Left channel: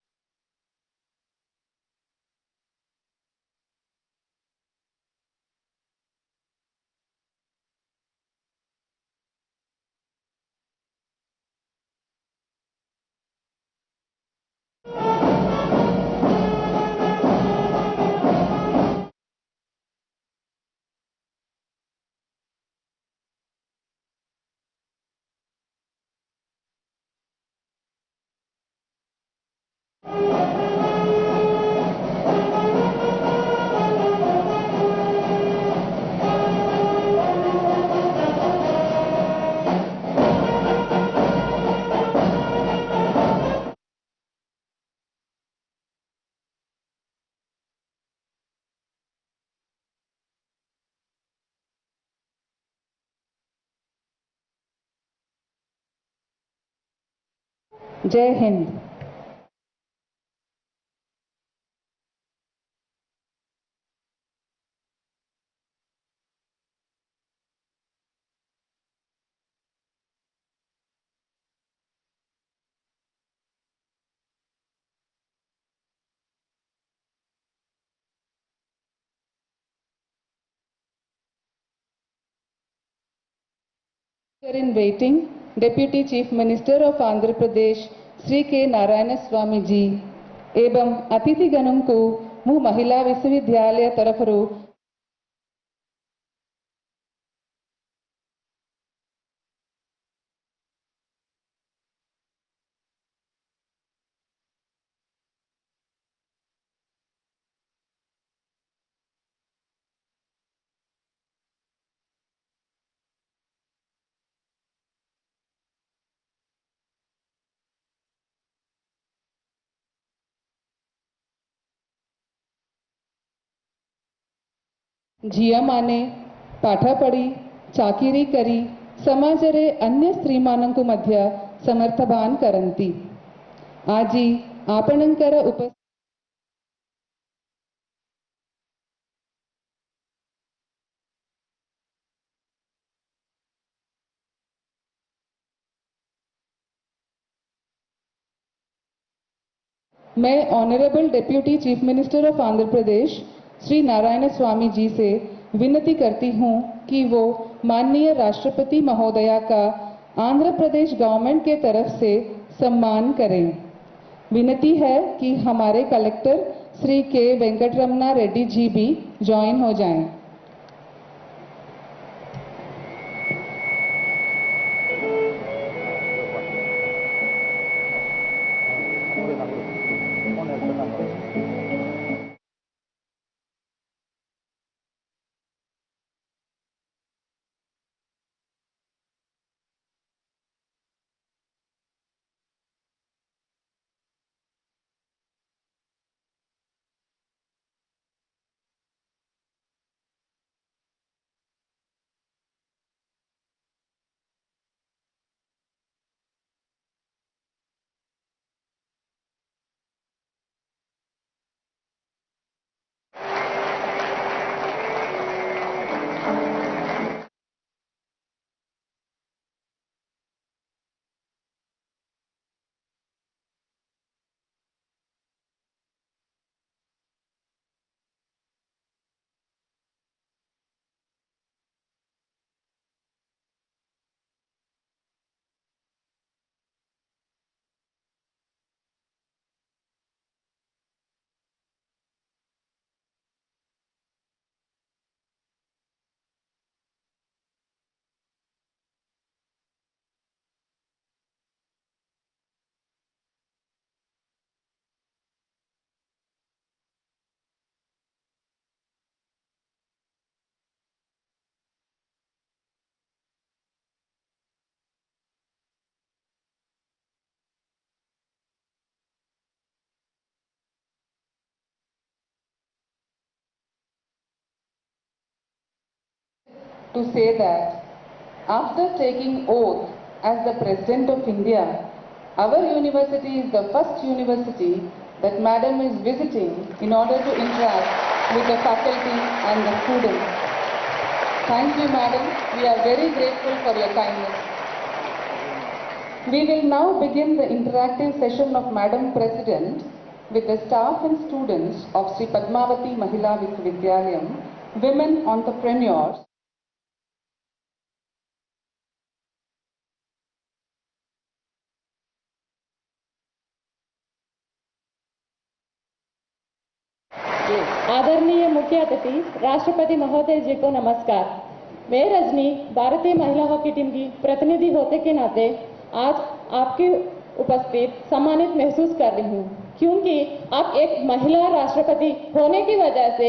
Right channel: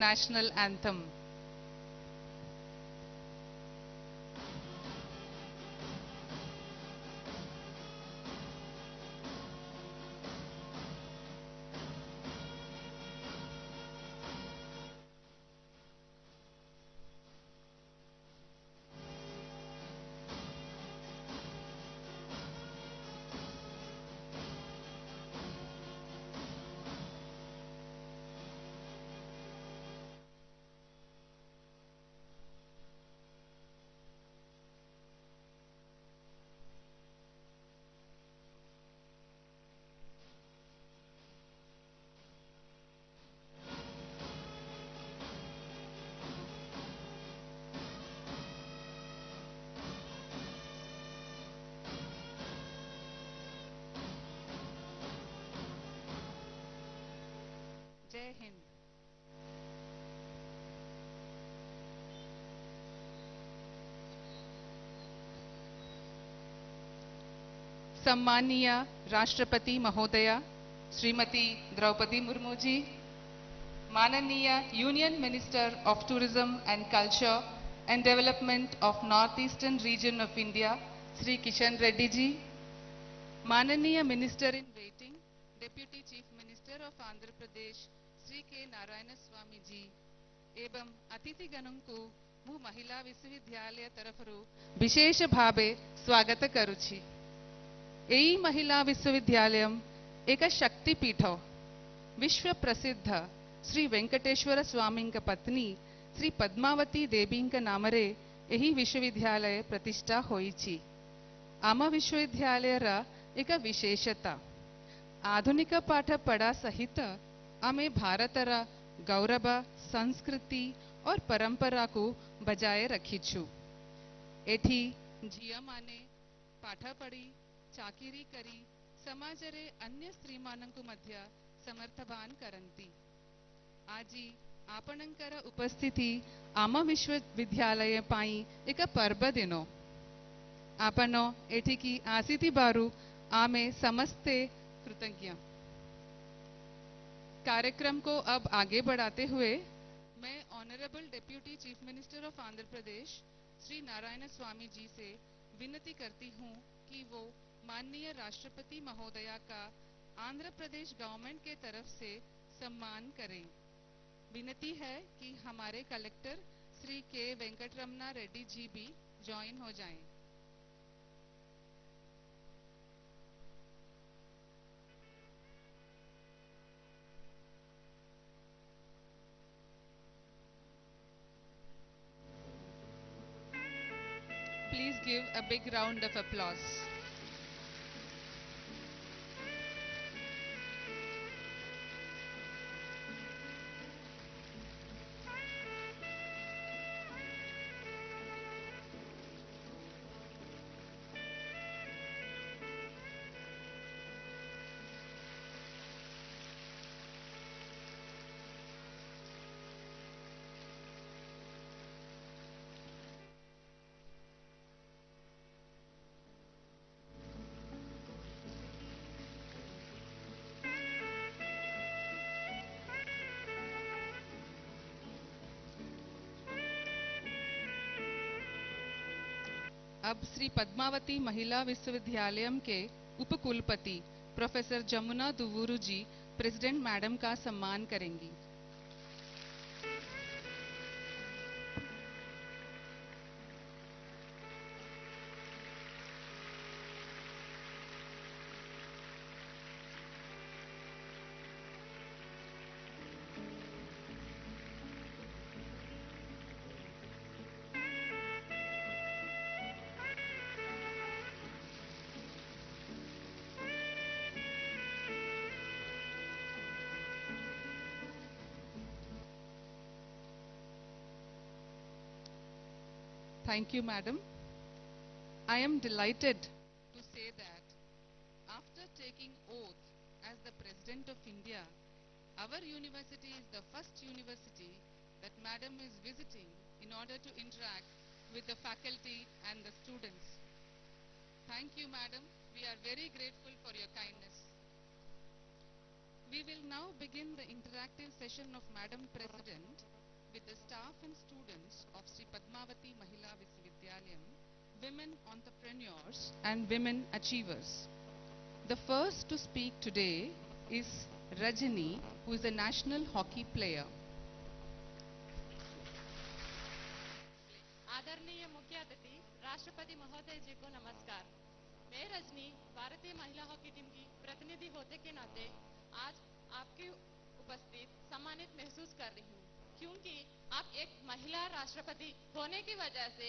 national anthem. जय हिंद। सम्मानीय राष्ट्रपति महोदया श्रीमती द्रौपदी मुर्मू जी, माननीय union minister of tourism and culture and development of north eastern region of India Shri Kishan Reddy ji, माननीय minister in waiting deputy chief minister of Andhra Pradesh Shri K Narayana Swamy जी एवं अतिथिगणों को मु महिला विश्वविद्यालय तरफरु विशेष भावे स्वागत करुछि। एई महिला विश्वविद्यालय एक शक्तिपीठ विश्व प्रसिद्ध श्री वेंकटेश्वर स्वामी पत्नी श्री पद्मावती देवी नामरे एही विश्वविद्यालय प्रतिष्ठा होईछि। आम विश्वविद्यालय एक विशेषता आधुनिक पाठ पढ़ा सहित आमे भारतर गौरव संस्कृति और परंपरा को बजाय रखीछु। एठी झिया माने पाठ पढ़ी चाकिरी करी समाज रे अन्य स्त्री मानंकु मध्य समर्थवान करंती। आजी आपणंकर उपस्थिति आम विश्वविद्यालय पाई एक पर्व दिनो। आपण एठिकी आसीती बारू आमे समस्ते कृतज्ञ। कार्यक्रम को अब आगे बढ़ाते हुए मैं honourable deputy chief minister of Andhra Pradesh Shri Narayana Swamy ji से विनती करती हूं कि वो माननीय राष्ट्रपति महोदया का आंध्र प्रदेश गवर्नमेंट के तरफ से सम्मान करें। विनती है कि हमारे कलेक्टर श्री के वेंकटरमणा रेड्डी जी भी ज्वाइन हो जाएं। Please give a big round of applause. अब श्री पद्मावती महिला विश्वविद्यालय के उपकुलपति प्रोफेसर जमुना दुवुरु जी प्रेसिडेंट मैडम का सम्मान करेंगी। Thank you, madam. I am delighted to say that after taking oath as the President of India, our university is the first university that Madam is visiting in order to interact with the faculty and the students. Thank you, Madam. We are very grateful for your kindness. We will now begin the interactive session of Madam President with the staff and students of Sri Padmavati Mahila Vishwavidyalayam, women entrepreneurs and women achievers. The first to speak today is Rajani, who is a national hockey player. आदरणीय मुख्य अतिथि राष्ट्रपति महोदय जी को नमस्कार। मैं रजनी भारतीय महिला हॉकी टीम की प्रतिनिधि होते के नाते आज आपकी उपस्थित सम्मानित महसूस कर रही हूँ, क्योंकि आप एक महिला राष्ट्रपति होने की वजह से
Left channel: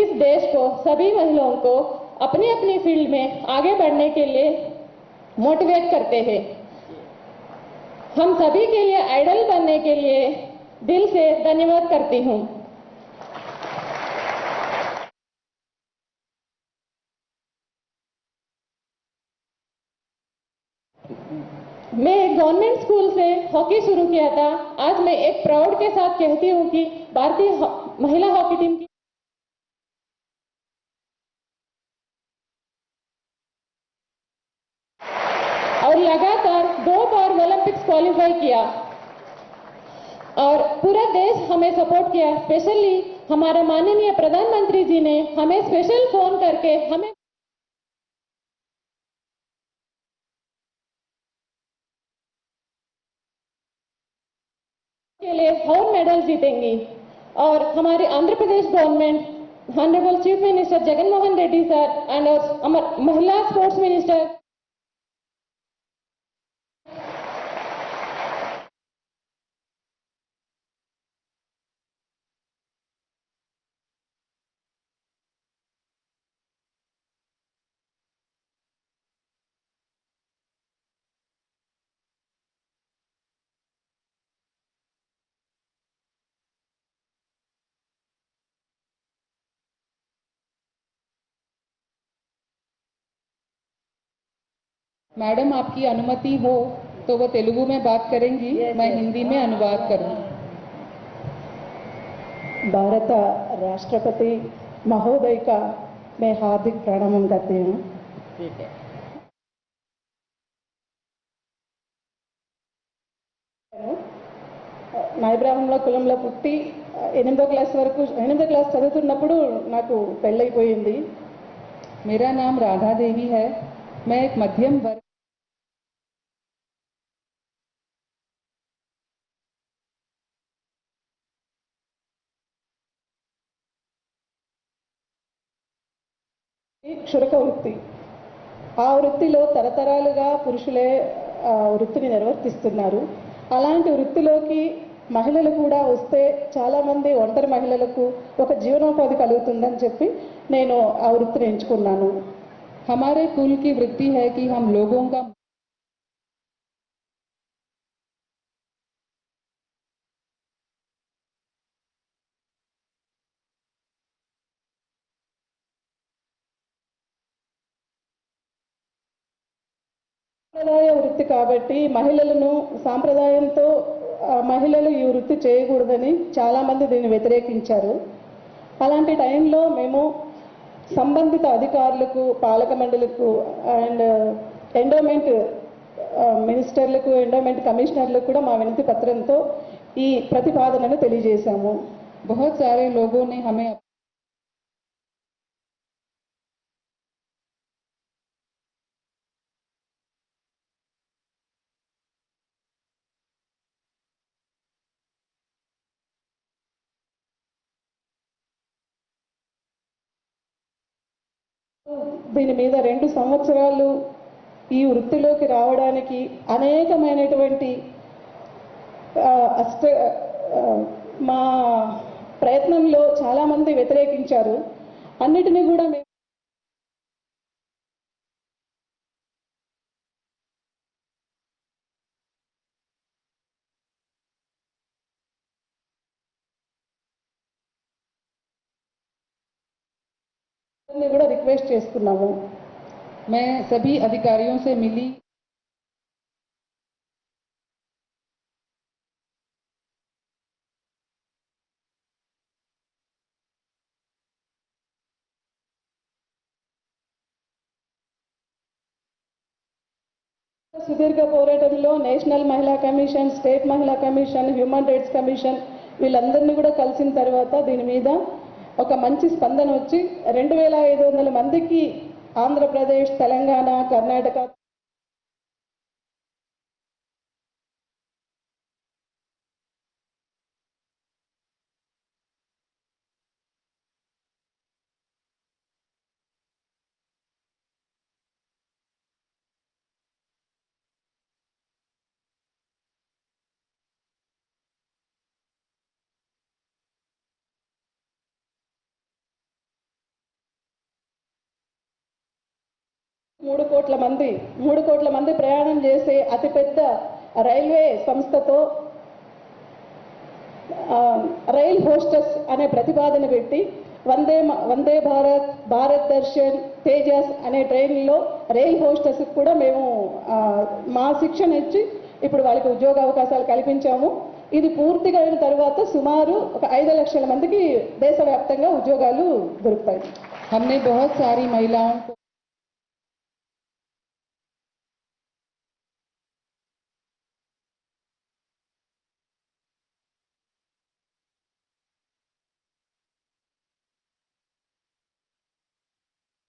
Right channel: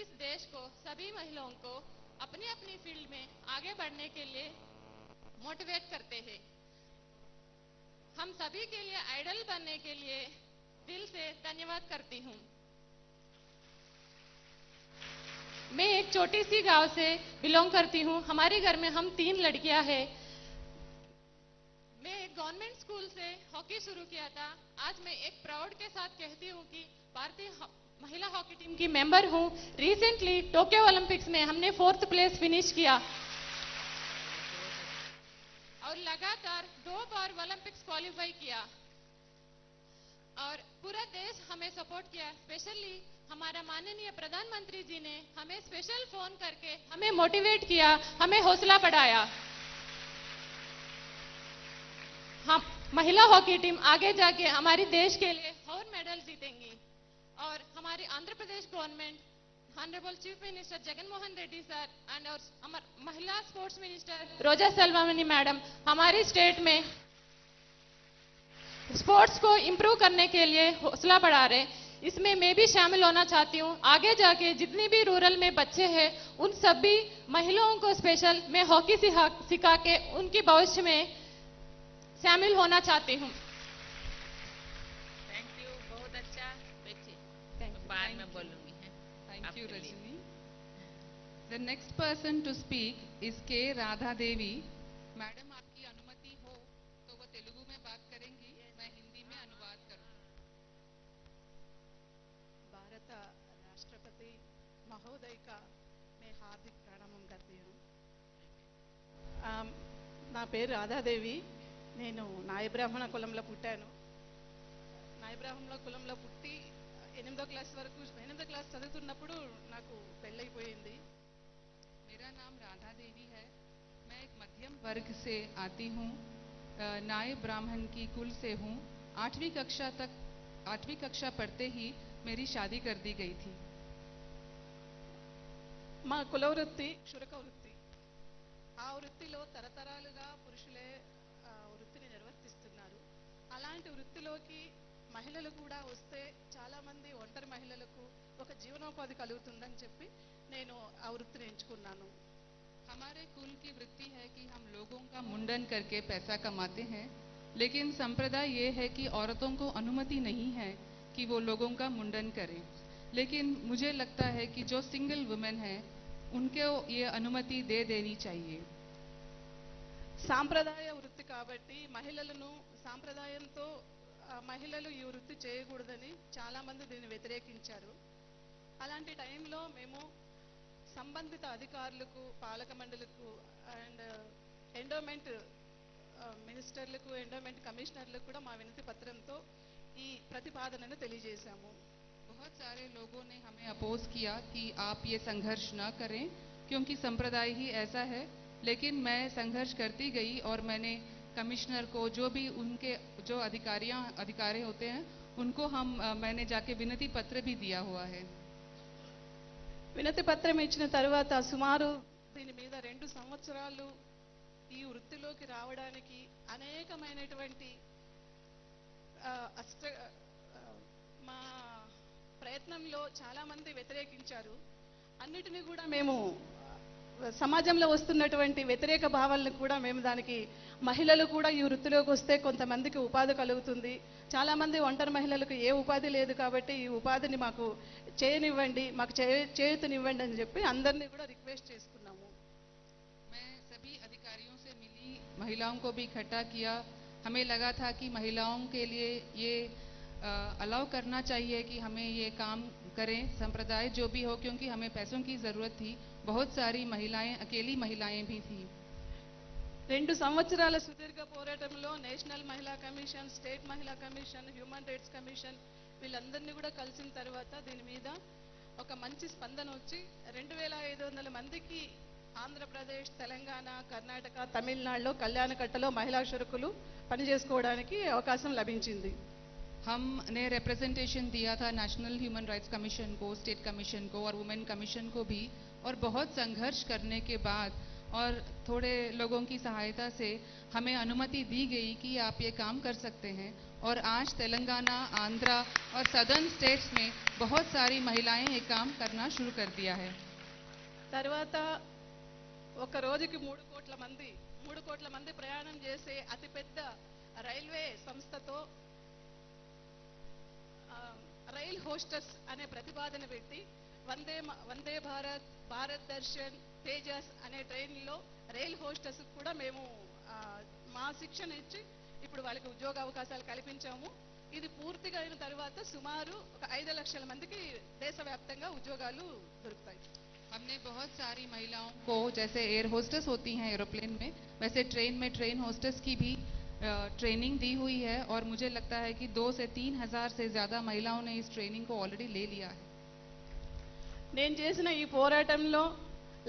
इस देश को, सभी महिलाओं को अपनी अपनी फील्ड में आगे बढ़ने के लिए मोटिवेट करते हैं। हम सभी के लिए आइडल बनने के लिए दिल से धन्यवाद करती हूँ। मैं एक छोटी सी गांव से बिलोंग करती हूँ। हमारे घर में हम 3 लड़कियां हैं। मैं एक गवर्नमेंट स्कूल से हॉकी शुरू किया था। आज मैं एक प्राउड के साथ कहती हूँ कि भारतीय महिला हॉकी टीम की मेंबर हूँ। रिसेंटली टोक्यो ओलंपिक्स में हमने 4th प्लेस फिनिश किया और लगातार 2 बार ओलंपिक्स क्वालिफाई किया और पूरा देश हमें सपोर्ट किया। स्पेशली हमारे माननीय प्रधानमंत्री जी ने हमें स्पेशल फोन करके हमें मोटिवेट किया, हमें हौसला बढ़ाया। हम महिला हॉकी टीम आगे जाके हमारे देश के लिए और मेडल जीतेंगी और हमारी Andhra Pradesh government, honourable chief minister Jagan Mohan Reddy sir and हमारे महिला sports minister Roja Selvamani madam हमारी स्टेट में स्पोर्ट्स को इम्प्रूव करने के लिए हौसला बढ़ा रहे। इसमें मैं भी शामिल होना चाहती हूँ। आगे जाके जितनी भी रूरल में बच्चे हैं उन सभी महिलाओं को स्पेशल मैं हॉकी सिखा के उनकी भविष्य में शामिल होना चाहती हूँ। थैंक यू, बहुत अच्छा। बाद में बोलूंगी। Thank you, Rajani. The next person to speak is K. Radha Devi. Madam आपकी अनुमति हो तो वो तेलुगु में बात करेंगी, मैं हिंदी में अनुवाद करूँ। భారత రాష్ట్రపతి మహోదయ का मैं हार्दिक ప్రణామం करती हूँ। నా పేరు రాధాదేవి। నేను నాయ బ్రాహ్మణ కులంలో పుట్టాను। నాయ బ్రాహ్మణ కులంలో పుట్టి 8వ క్లాస్ చదువుతున్నప్పుడు నాకు పెళ్ళైపోయింది। मेरा नाम राधा देवी है, मैं एक मध्यम वर्ग से आती हूँ, नाय ब्राह्मण की कुल से हूँ। 8वीं कक्षा पढ़ते ही मेरी शादी कर दी गई थी। మా కుల వృత్తి క్షురక వృత్తి। ఆ వృత్తిలో తరతరాలుగా పురుషులే వృత్తిని నిర్వర్తిస్తున్నారు। అలాంటి వృత్తిలోకి మహిళలు కూడా వస్తే చాలా మంది ఒంటరి మహిళలకు ఒక జీవనోపాధి కలుగుతుందని చెప్పి నేను ఆ వృత్తిని ఎంచుకున్నాను। हमारे कुल की वृत्ति है कि हम लोगों का मुंडन करके पैसा कमाते हैं, लेकिन संप्रदाय ये है कि औरतों को अनुमति नहीं है कि वो लोगों का मुंडन करें। लेकिन मुझे लगता है कि जो सिंगल वुमेन है उनको ये अनुमति दे देनी चाहिए। సాంప్రదాయ వృత్తి కాబట్టి మహిళలను సాంప్రదాయంతో మహిళలు ఈ వృత్తి చేయకూడదని చాలా మంది దీన్ని వ్యతిరేకించారు। అలాంటి టైంలో మేము సంబంధిత అధికారులకు, పాలక మండలికు అండ్ ఎండోమెంట్ మినిస్టర్లకు, ఎండోమెంట్ కమిషనర్లకు కూడా మా వినతి పత్రంతో ఈ ప్రతిపాదనను తెలియజేశాము। बहुत सारे लोगों ने हमें अपोज किया कि आप ये संघर्ष न करें क्योंकि संप्रदाय ही ऐसा है। लेकिन मैं संघर्ष करती गई और मैंने कमिश्नर को, जो भी उनके जो अधिकारी होते हैं उनको मैंने जाके विनती पत्र भी दिया हुआ है। వినతి పత్రం ఇచ్చిన తర్వాత సుమారు దీని మీద 2 సంవత్సరాలు ఈ వృత్తిలోకి రావడానికి అనేకమైనటువంటి మా ప్రయత్నంలో చాలా మంది వ్యతిరేకించారు। అన్నిటిని కూడా మేము సమాజంలో వస్తున్నటువంటి వ్యతిరేక భావాలను కూడా మేము దానికి మహిళలు కూడా ఈ వృత్తిలోకి వస్తే కొంతమందికి ఉపాధి కలుగుతుంది। చాలా మంది ఒంటరి మహిళలకు ఏ ఉపాధి లేదు కాబట్టి ఈ ఉపాధిని మాకు చేయనివ్వండి, మాకు చేయూతనివ్వండి అని చెప్పి అందరినీ కూడా రిక్వెస్ట్ చేస్తున్నాము। मैं सभी अधिकारियों से मिली, महिलाओं को भी इकट्ठा किया। हमें लगा था कि महिलाओं के लिए ये अलाउ करना चाहिए कि हमें ये काम करें, संप्रदाय जो भी हो, क्योंकि हमें पैसों की ज़रूरत थी। बहुत सारी महिलाएं, अकेली महिलाएं भी थी। 2 సంవత్సరాల సుదీర్ఘ పోరాటంలో నేషనల్ మహిళా కమిషన్, స్టేట్ మహిళా కమిషన్, హ్యూమన్ రైట్స్ కమిషన్ వీళ్ళందరినీ కూడా కలిసిన తర్వాత దీని మీద ఒక మంచి స్పందన వచ్చి 2500 మందికి ఆంధ్రప్రదేశ్, తెలంగాణ, కర్ణాటక, తమిళనాడులో కళ్యాణకట్టలో మహిళా షురుకులు పనిచేసుకోవడానికి అవకాశం లభించింది. हमने रिप्रेजेंटेशन दिया था नेशनल ह्यूमन राइट्स कमीशन को, स्टेट कमीशन को और वुमेन कमीशन को भी, और बहुत संघर्ष करने के बाद और थोड़े लोगों की सहायता से हमें अनुमति दी गई कि आप ये काम कर सकते हैं। और आज तेलंगाना, आंध्रा और सदर्न स्टेट्स में बहुत सारी महिलाएं ये काम करना शुरू कर दिया है। తర్వాత ఒక రోజుకి 3 కోట్ల మంది ప్రయాణం చేసే అతిపెద్ద రైల్వే సంస్థతో రైల్ హోస్టెస్ అనే ప్రతిపాదన పెట్టి వందే భారత్, భారత్ దర్శన్, తేజస్ అనే ట్రైన్లో రైల్ హోస్టెస్ కూడా మేము మా శిక్షణ ఇచ్చి ఇప్పుడు వాళ్ళకి ఉద్యోగ అవకాశాలు కల్పించాము. ఇది పూర్తిగా అయిన తర్వాత సుమారు ఒక 5 లక్షల మందికి దేశవ్యాప్తంగా ఉద్యోగాలు దొరుకుతాయి. हमने बहुत सारी महिलाओं को, जैसे एयर होस्टेस होती हैं एरोप्लेन में, वैसे ट्रेन में ट्रेन होस्टेस की भी ट्रेनिंग दी हुई है और मुझे लगता है कि 2 से 3 हज़ार से ज़्यादा महिलाओं ने इस ट्रेनिंग को ऑलरेडी ले लिया है। నేను చేసిన ఈ పోరాటంలో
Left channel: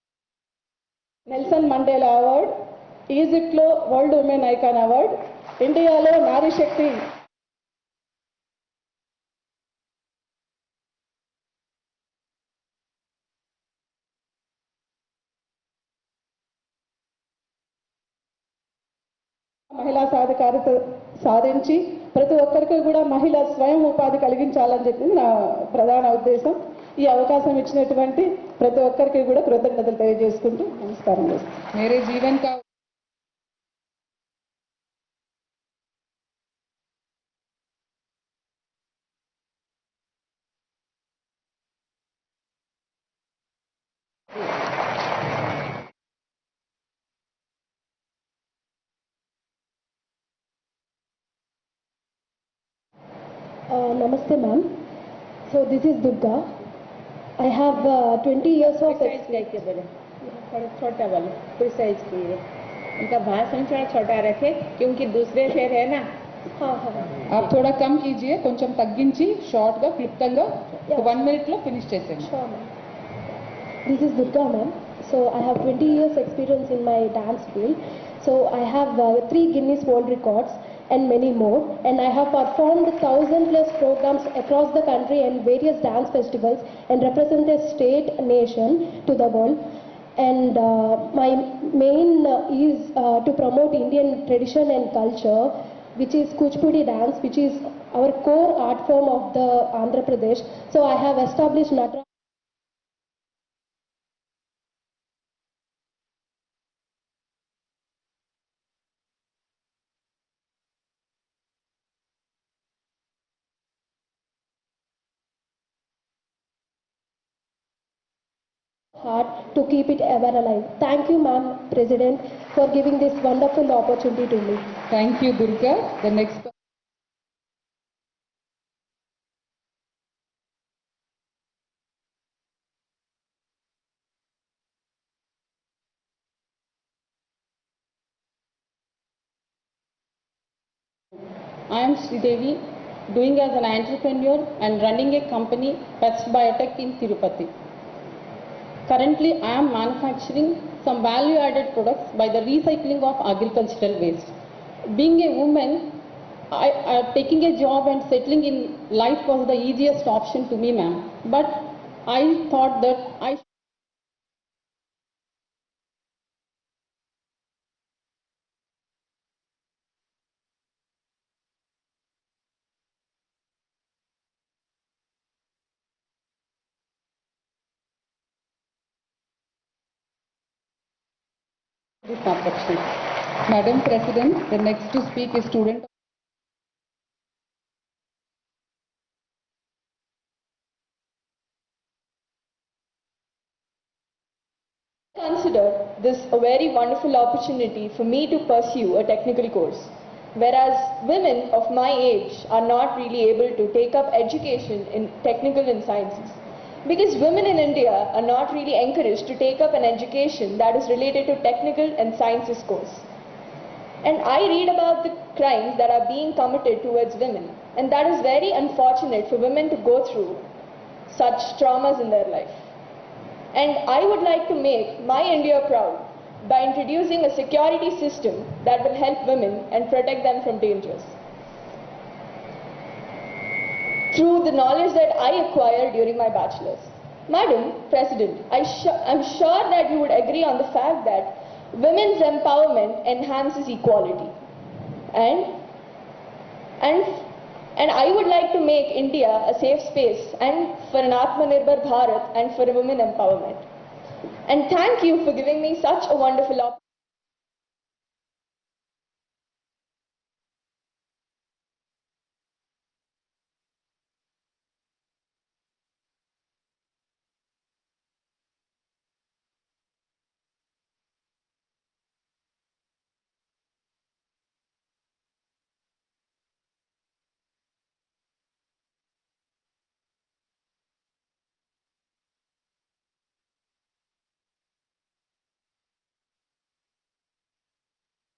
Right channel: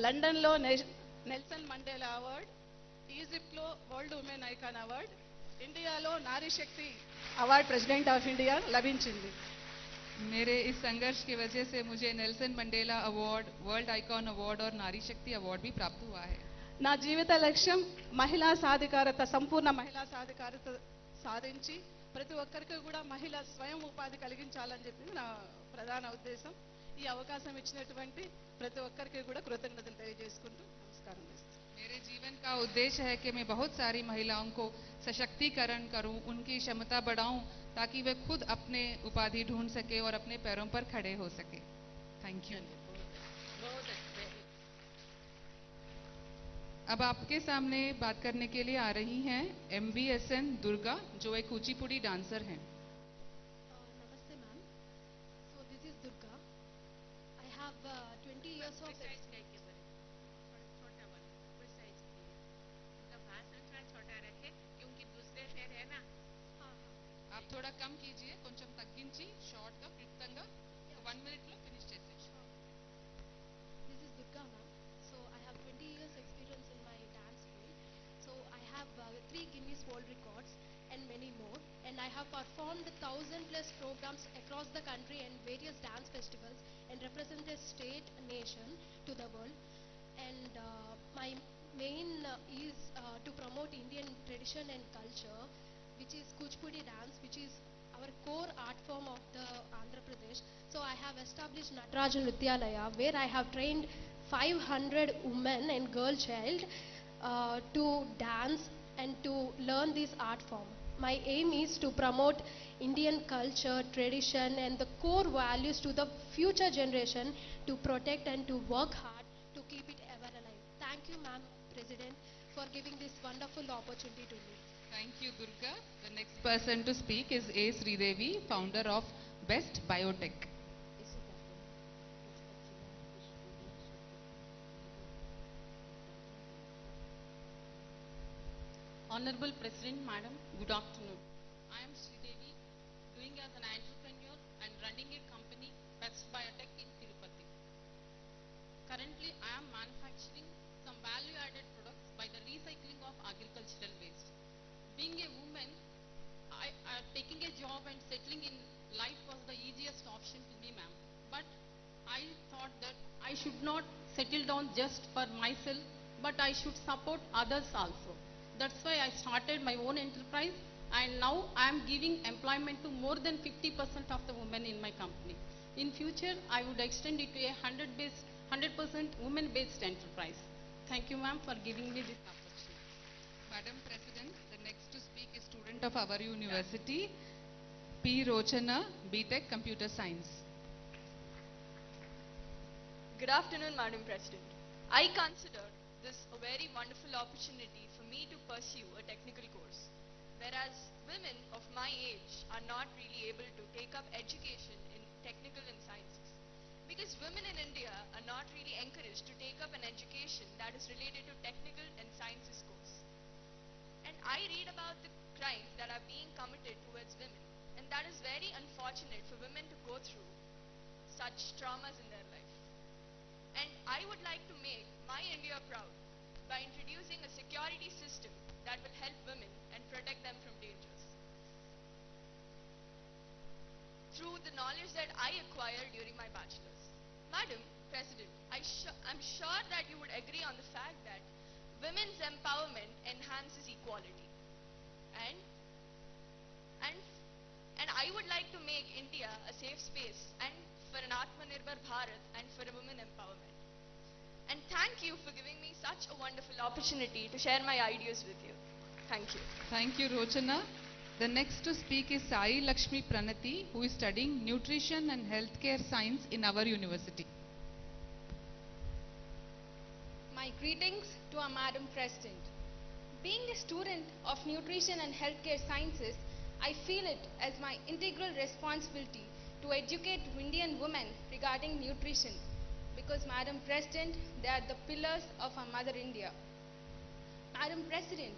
లండన్లో నెల్సన్ మండేలా అవార్డ్, ఈజిప్ట్లో వరల్డ్ ఉమెన్ ఐకాన్ అవార్డ్, ఇండియాలో Nari Shakti award president of India లభించింది. मेरे इस संघर्ष की वजह से मुझे Nelson Mandela award, world icon award और नारी शक्ति अवार्ड भी प्राप्त हुआ है। నా జీవిత లక్ష్యం మహిళా సాధికారత, సంపూర్ణ మహిళా సాధికారత సాధించి ప్రతి ఒక్కరికి కూడా మహిళ స్వయం ఉపాధి కలిగించాలని చెప్పి నా ప్రధాన ఉద్దేశం. ఈ అవకాశం ఇచ్చినటువంటి ప్రతి ఒక్కరికి కూడా కృతజ్ఞతలు తెలియజేసుకుంటూ నమస్కారం చేస్తాను. मेरे जीवन का उद्देश्य है कि मैं बहुत सारी महिलाओं को सशक्तिकरण करूं, उनकी क्षमता बढ़ाऊं ताकि वे खुद अपने उपाधि ढूंढ सके और अपने पैरों पर खड़े हो सके। Thank you. अब आपके सामने बात करने के लिए आ रही हैं MVSN दुर्गा, जो एक कुचिपुड़ी डांसर हैं। Namaste ma'am. So this is Durga. I have 20 years of experience. थोड़ा छोटा वाला प्रिसाइज कीजिए, उनका भाषण थोड़ा छोटा रखे क्योंकि दूसरे शेर है ना। हाँ हाँ. आप थोड़ा कम कीजिए, కొంచెం తగ్గించి షార్ట్ గా క్లుప్తంగా 1 మినిట్ లో ఫినిష్ చేసేయండి. Sure ma'am. This is Durga ma'am. So I have 20 years experience in my dance field. So I have 3 Guinness World Records and many more. And I have performed 1000+ programs across the country and various dance festivals and represent a state, nation to the world. And my main is to promote Indian tradition and culture, which is Kuchipudi dance, which is our core art form of the Andhra Pradesh. So I have established Natarajan Nrityalaya, where I have trained 500 women and girl child to dance and to learn this art form. My aim is to promote Indian culture, tradition and the core values to the future generation, to protect and to work hard to keep it ever alive. Thank you ma'am, President, for giving this wonderful opportunity to me. Thank you Durga. The next Next person to speak is A. Sridevi, founder of Best Biotech. Honorable President, Madam, good afternoon. I am Sridevi, doing as an entrepreneur and running a company, Best Biotech in Tirupati. Currently, I am manufacturing some value-added products by the recycling of agricultural waste. Being a woman, taking a job and settling in life was the easiest option to me, ma'am. But I thought that I should not settle down just for myself, but I should support others also. That's why I started my own enterprise, and now I am giving employment to more than 50% of the women in my company. In future, I would extend it to a 100% women-based enterprise. Thank you, ma'am, for giving me this opportunity. Madam President, the next to speak is student of our university, P. Rochana, BTech Computer Science. Good afternoon, Madam President. I consider this a very wonderful opportunity for me to pursue a technical course, whereas women of my age are not really able to take up education in technical and sciences. Because women in India are not really encouraged to take up an education that is related to technical and sciences course. And I read about the crimes that are being committed towards women. And that is very unfortunate for women to go through such traumas in their life. And I would like to make my India proud by introducing a security system that will help women and protect them from dangers. Through the knowledge that I acquired during my bachelor's. Madam President, I'm sure that you would agree on the fact that women's empowerment enhances equality. And I would like to make India a safe space and for an Atmanirbhar Bharat and for a women empowerment. And thank you for giving me such a wonderful opportunity to share my ideas with you. Thank you. Thank you, Rochana. The next to speak is Sai Lakshmi Pranati, who is studying Nutrition and Healthcare Science in our university. My greetings to our Madam President. Being a student of Nutrition and Healthcare Sciences, I feel it as my integral responsibility to educate Indian women regarding nutrition, because Madam President, they are the pillars of our Mother India. Madam President,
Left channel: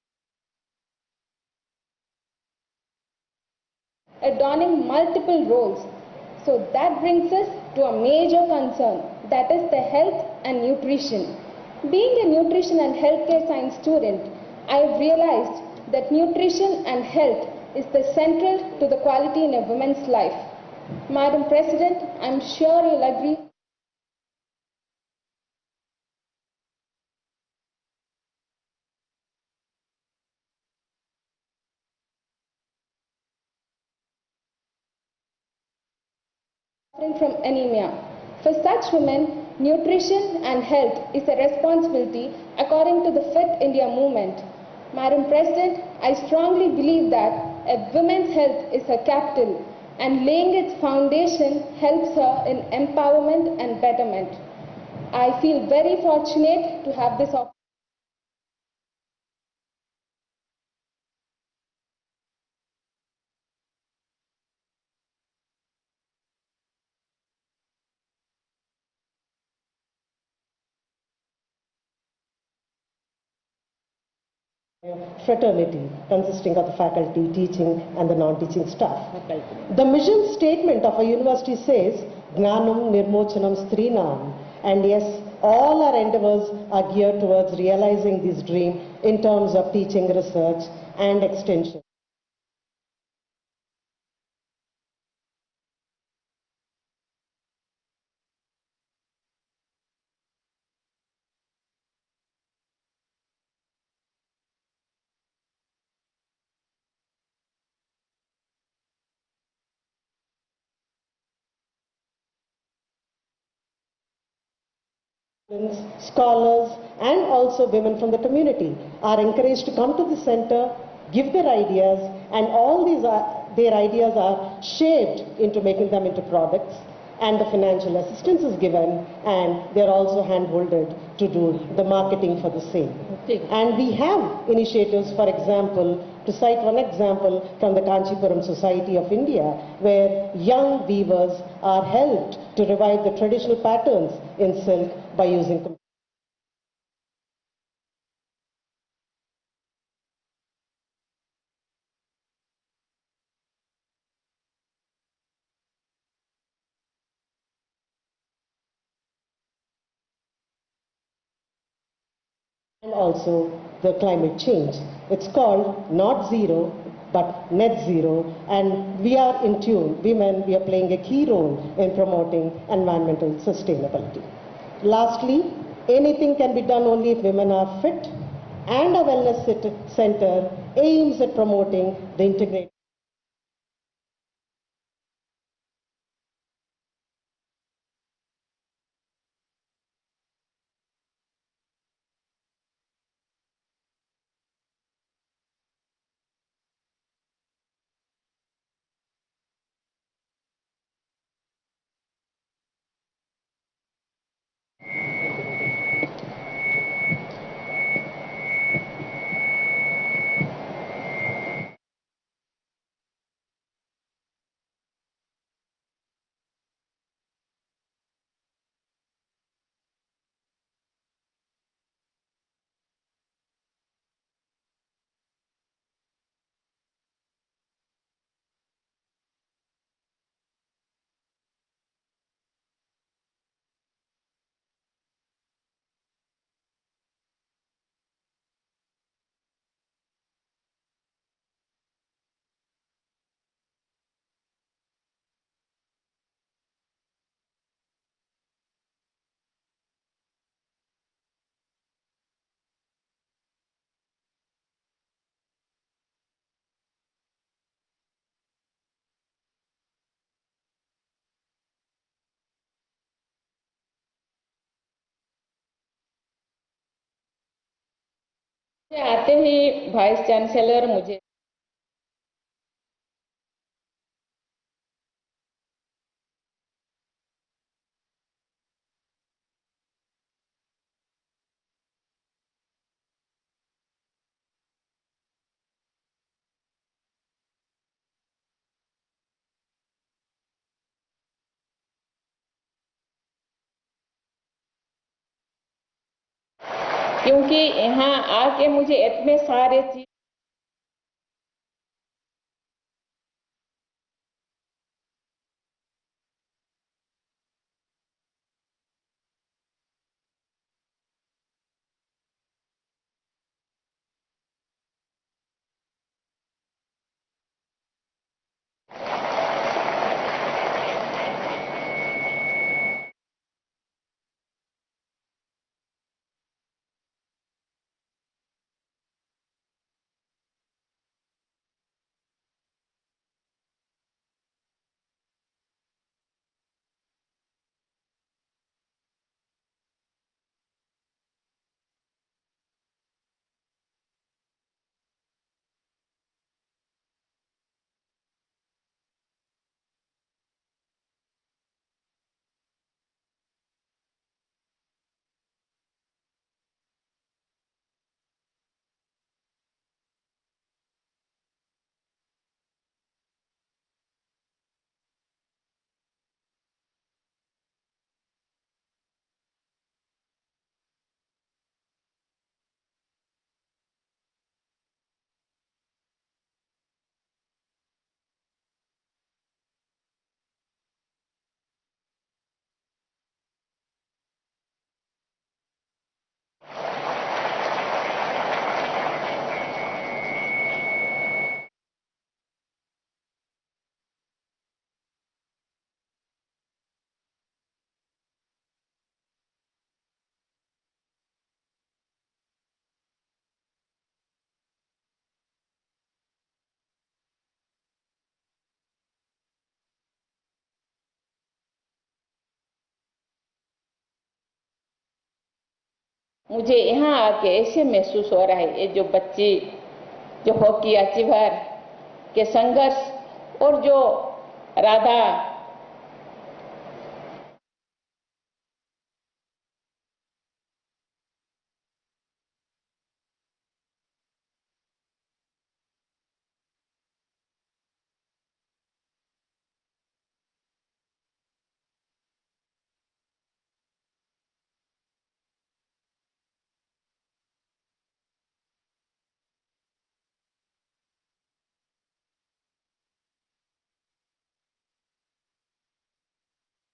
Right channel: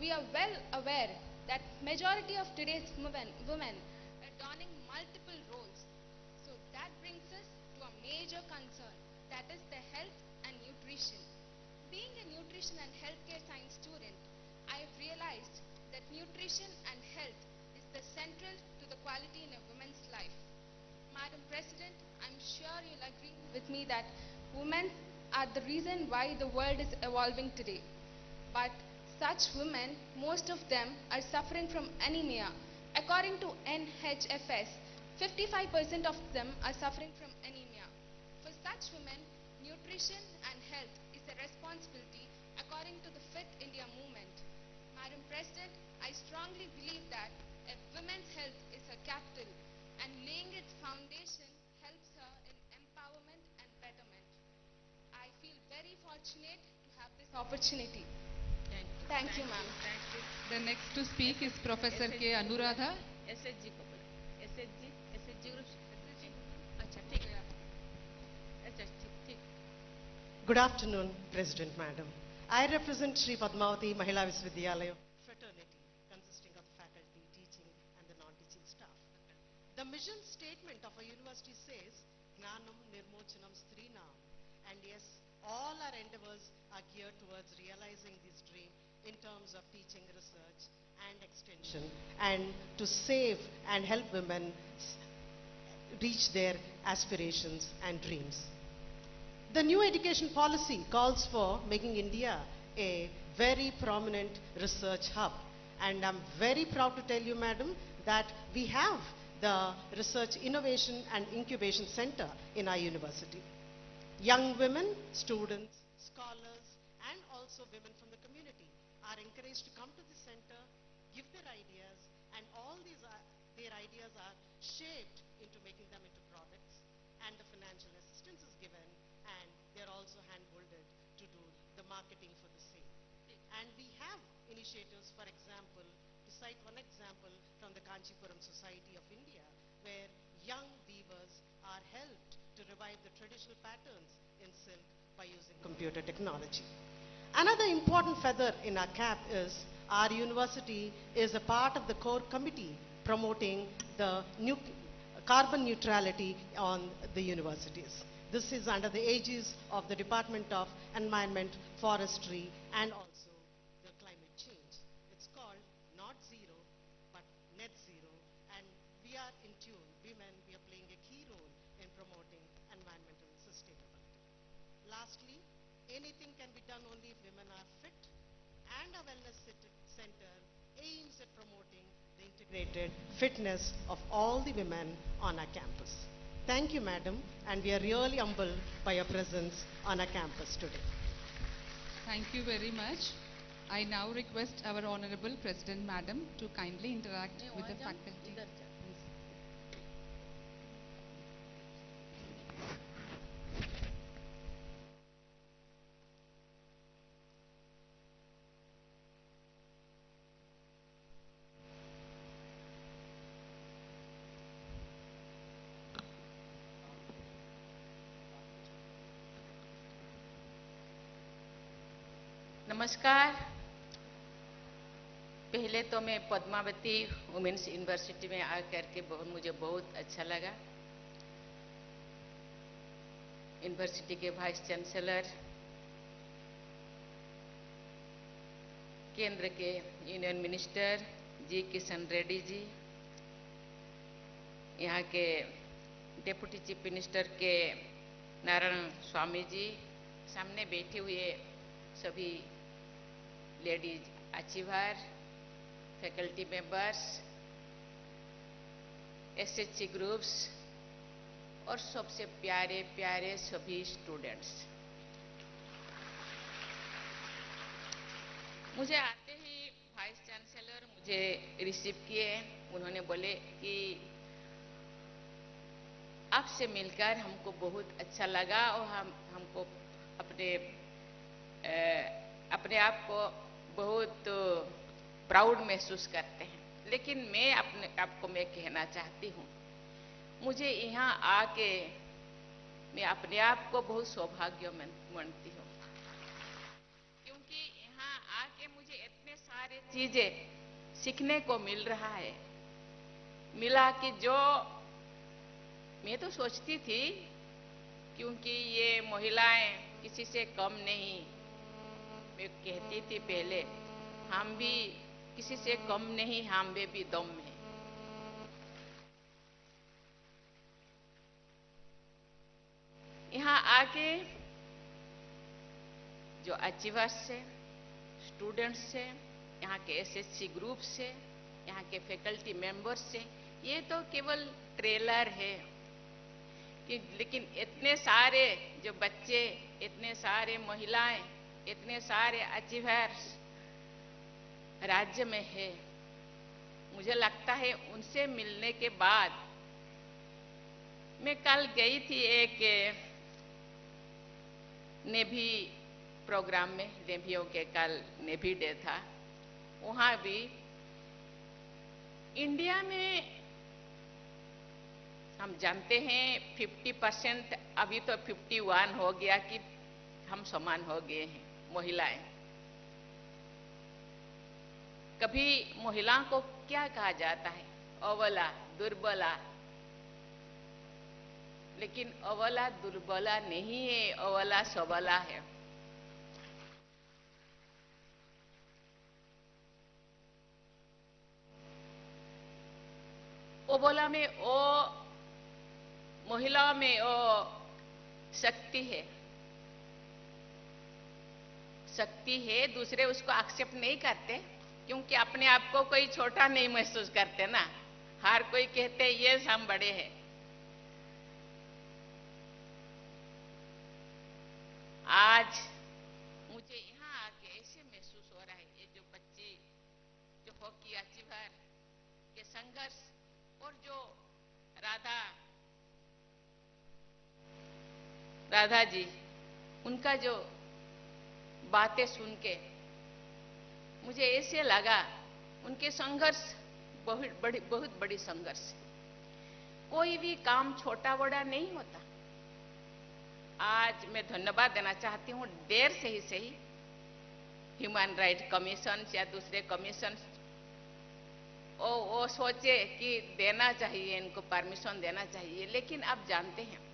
we are well aware that majority of today's women adorning multiple roles. So that brings us to a major concern, that is the health and nutrition. Being a nutrition and healthcare science student, I have realized that nutrition and health is the central to the quality in a woman's life. Madam President, I'm sure you'll agree with me that women are the reason why the world is evolving today. But such women, most of them are suffering from anemia. According to NHFS, 55% of them are suffering from anemia. For such women, nutrition and health is a responsibility according to the Fit India movement. Madam President, I strongly believe that a woman's health is her capital, and laying its foundation helps her in empowerment and betterment. I feel very fortunate to have this opportunity. Thank you, ma'am. The next to speak is Professor K. Anuradha. SHG group. Good afternoon, President Madam. I represent Sri Padmavati Mahila Visvidyalaya fraternity consisting of the faculty, teaching and the non-teaching staff. The mission statement of a university says, Gnanam Nirmochanam Strinam. And yes, all our endeavors are geared towards realizing this dream in terms of teaching, research and extension, and to save and help women reach their aspirations and dreams. The new education policy calls for making India a very prominent research hub. And I'm very proud to tell you, Madam, that we have the Research Innovation and Incubation Center in our university. Young women, students, scholars, and also women from the community are encouraged to come to the center, give their ideas, and all these their ideas are shaped into making them into products, and the financial assistance is given, and they're also hand-holded to do the marketing for the same. And we have initiatives, for example, to cite one example from the Kanchipuram Society of India, where young weavers are helped to revive the traditional patterns in silk by using computer technology. Another important feather in our cap is our university is a part of the core committee promoting the carbon neutrality on the universities. This is under the aegis of the Department of Environment, Forestry, and also the climate change. It's called not zero, but net zero, and we are in tune. Women, we are playing a key role in promoting environmental sustainability. Lastly, anything can be done only if women are fit, and our wellness center aims at promoting the integrated fitness of all the women on our campus. Thank you, Madam, and we are really humbled by your presence on our campus today. Thank you very much. I now request our Honorable President Madam to kindly interact with the faculty. Namaskar. पहले तो मैं Padmavati women's university में आकर के मुझे बहुत अच्छा लगा। यूनिवर्सिटी के वाइस चांसलर, केंद्र के यूनियन मिनिस्टर जी किशन रेड्डी जी, यहाँ के डेप्यूटी चीफ मिनिस्टर के नारायण स्वामी जी, सामने बैठे हुए सभी ladies achiever, faculty members, SHG groups और सबसे प्यारे प्यारे सभी स्टूडेंट्स, मुझे आते ही वाइस चांसलर मुझे रिसीव किए। उन्होंने बोले कि आपसे मिलकर हमको बहुत अच्छा लगा और हमको अपने आप को बहुत प्राउड महसूस करते हैं। लेकिन मैं अपने आप को कहना चाहती हूँ, मुझे यहाँ आके मैं अपने आप को बहुत सौभाग्य मानती हूँ, क्योंकि यहाँ आके मुझे इतने सारे चीजें सीखने को मिल रहा है। मिला कि जो मैं तो सोचती थी, क्योंकि ये महिलाएं किसी से कम नहीं, मैं कहती थी पहले, हम भी किसी से कम नहीं, हम में भी दम है। यहाँ आके जो अचीवर्स से, स्टूडेंट्स से, यहाँ के एसएचसी ग्रुप से, यहाँ के फैकल्टी मेंबर्स से, ये तो केवल ट्रेलर है लेकिन इतने सारे जो बच्चे, इतने सारे महिलाएं, इतने सारे अचीवर्स राज्य में है, मुझे लगता है उनसे मिलने के बाद, मैं कल गई थी एक नेवी प्रोग्राम में, नेवियों के कल नेवी डे था, वहां भी इंडिया में हम जानते हैं 50%, अभी तो 51 हो गया कि हम समान हो गए हैं महिलाएं। कभी महिलाओं को क्या कहा जाता है? अबला, दुर्बला। लेकिन अबला दुर्बला नहीं है, अबला सबला है। अबला में ओ महिलाओं में वो शक्ति है, दूसरे उसको एक्सेप्ट नहीं करते, क्योंकि अपने आप को कोई छोटा नहीं महसूस करते ना, हर कोई कहते ये हम बड़े हैं। आज मुझे यहाँ आके ऐसे महसूस हो रहा है, ये जो बच्चे जो हॉकी अचीवर के संघर्ष और जो राधा जी, उनका जो बातें सुन के मुझे ऐसे लगा उनके संघर्ष बहुत बड़ी संघर्ष है। कोई भी काम छोटा बड़ा नहीं होता। आज मैं धन्यवाद देना चाहती हूँ, देर से ही सही, ह्यूमन राइट कमीशन या दूसरे कमीशन वो सोचे कि देना चाहिए, इनको परमिशन देना चाहिए, लेकिन आप जानते हैं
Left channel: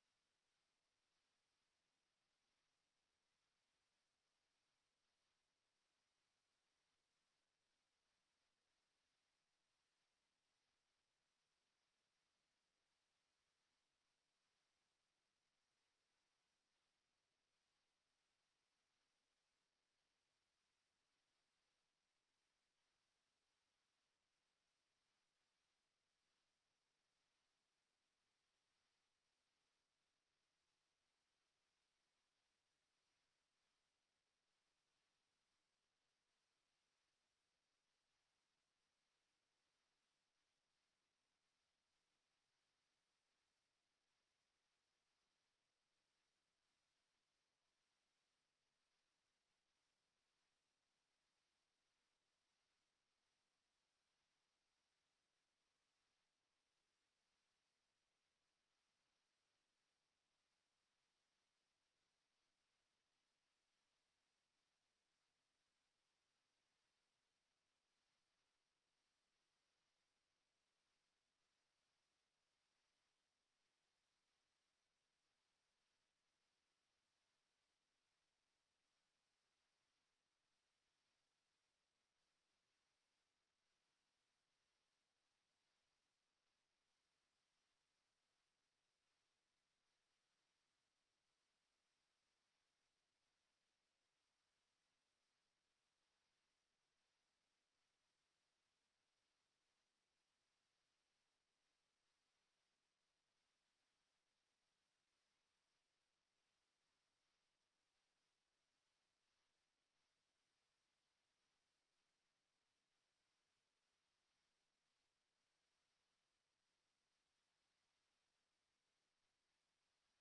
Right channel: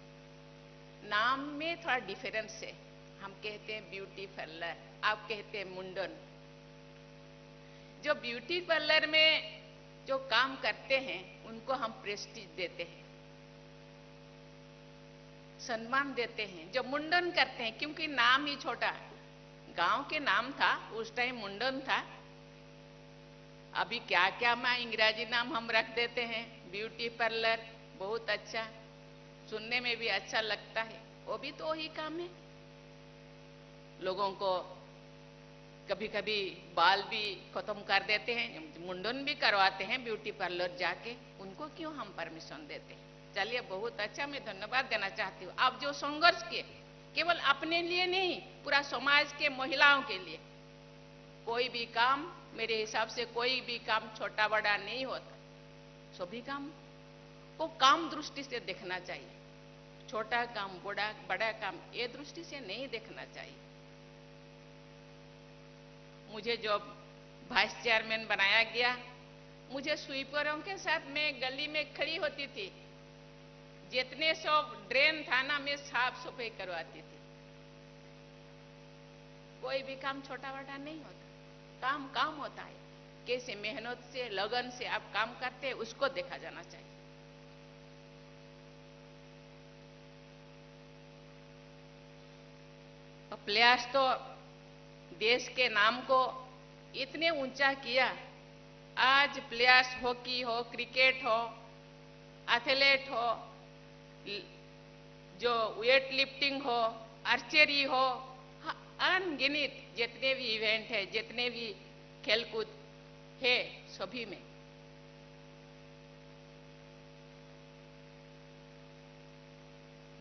नाम में थोड़ा डिफरेंस है। हम कहते हैं ब्यूटी पार्लर, आप कहते हैं मुंडन। जो ब्यूटी पार्लर में जो काम करते हैं उनको हम प्रेस्टीज देते हैं, सम्मान देते हैं। जो मुंडन करते हैं, क्योंकि नाम ही छोटा, गांव के नाम था उस टाइम, मुंडन था। अभी क्या क्या अंग्रेजी नाम हम रख देते हैं, ब्यूटी पार्लर, बहुत अच्छा, सुनने में भी अच्छा लगता है, वो भी तो वही काम है। लोगों को कभी कभी बाल भी खत्म कर देते हैं, मुंडन भी करवाते हैं ब्यूटी पार्लर जाके, उनको क्यों हम परमिशन देते हैं? चलिए, बहुत अच्छा, मैं धन्यवाद देना चाहती हूँ। आप जो संघर्ष किए, केवल अपने लिए नहीं, पूरा समाज के महिलाओं के लिए। कोई भी काम, मेरे हिसाब से कोई भी काम छोटा बड़ा नहीं होता, सभी काम को काम दृष्टि से देखना चाहिए। छोटा काम, बड़ा काम, ये दृष्टि से नहीं देखना चाहिए। मुझे जो वाइस चेयरमैन बनाया गया। मुझे स्वीपरों के साथ मैं गली में खड़ी होती थी, जितने सब ड्रेन था ना मैं साफ सफाई करवाती थी। कोई भी काम छोटा बड़ा नहीं होता, काम काम होता है। कैसे मेहनत से लगन से आप काम करते हैं उसको देखा जाना चाहिए। प्लेयर्स तो देश के नाम को इतने ऊंचा किया। आज प्लेयर्स हॉकी हो, क्रिकेट हो, एथलीट हो, जो वेट लिफ्टिंग हो, आर्चरी हो, अनगिनत जितने भी इवेंट है, जितने भी खेलकूद है, सभी में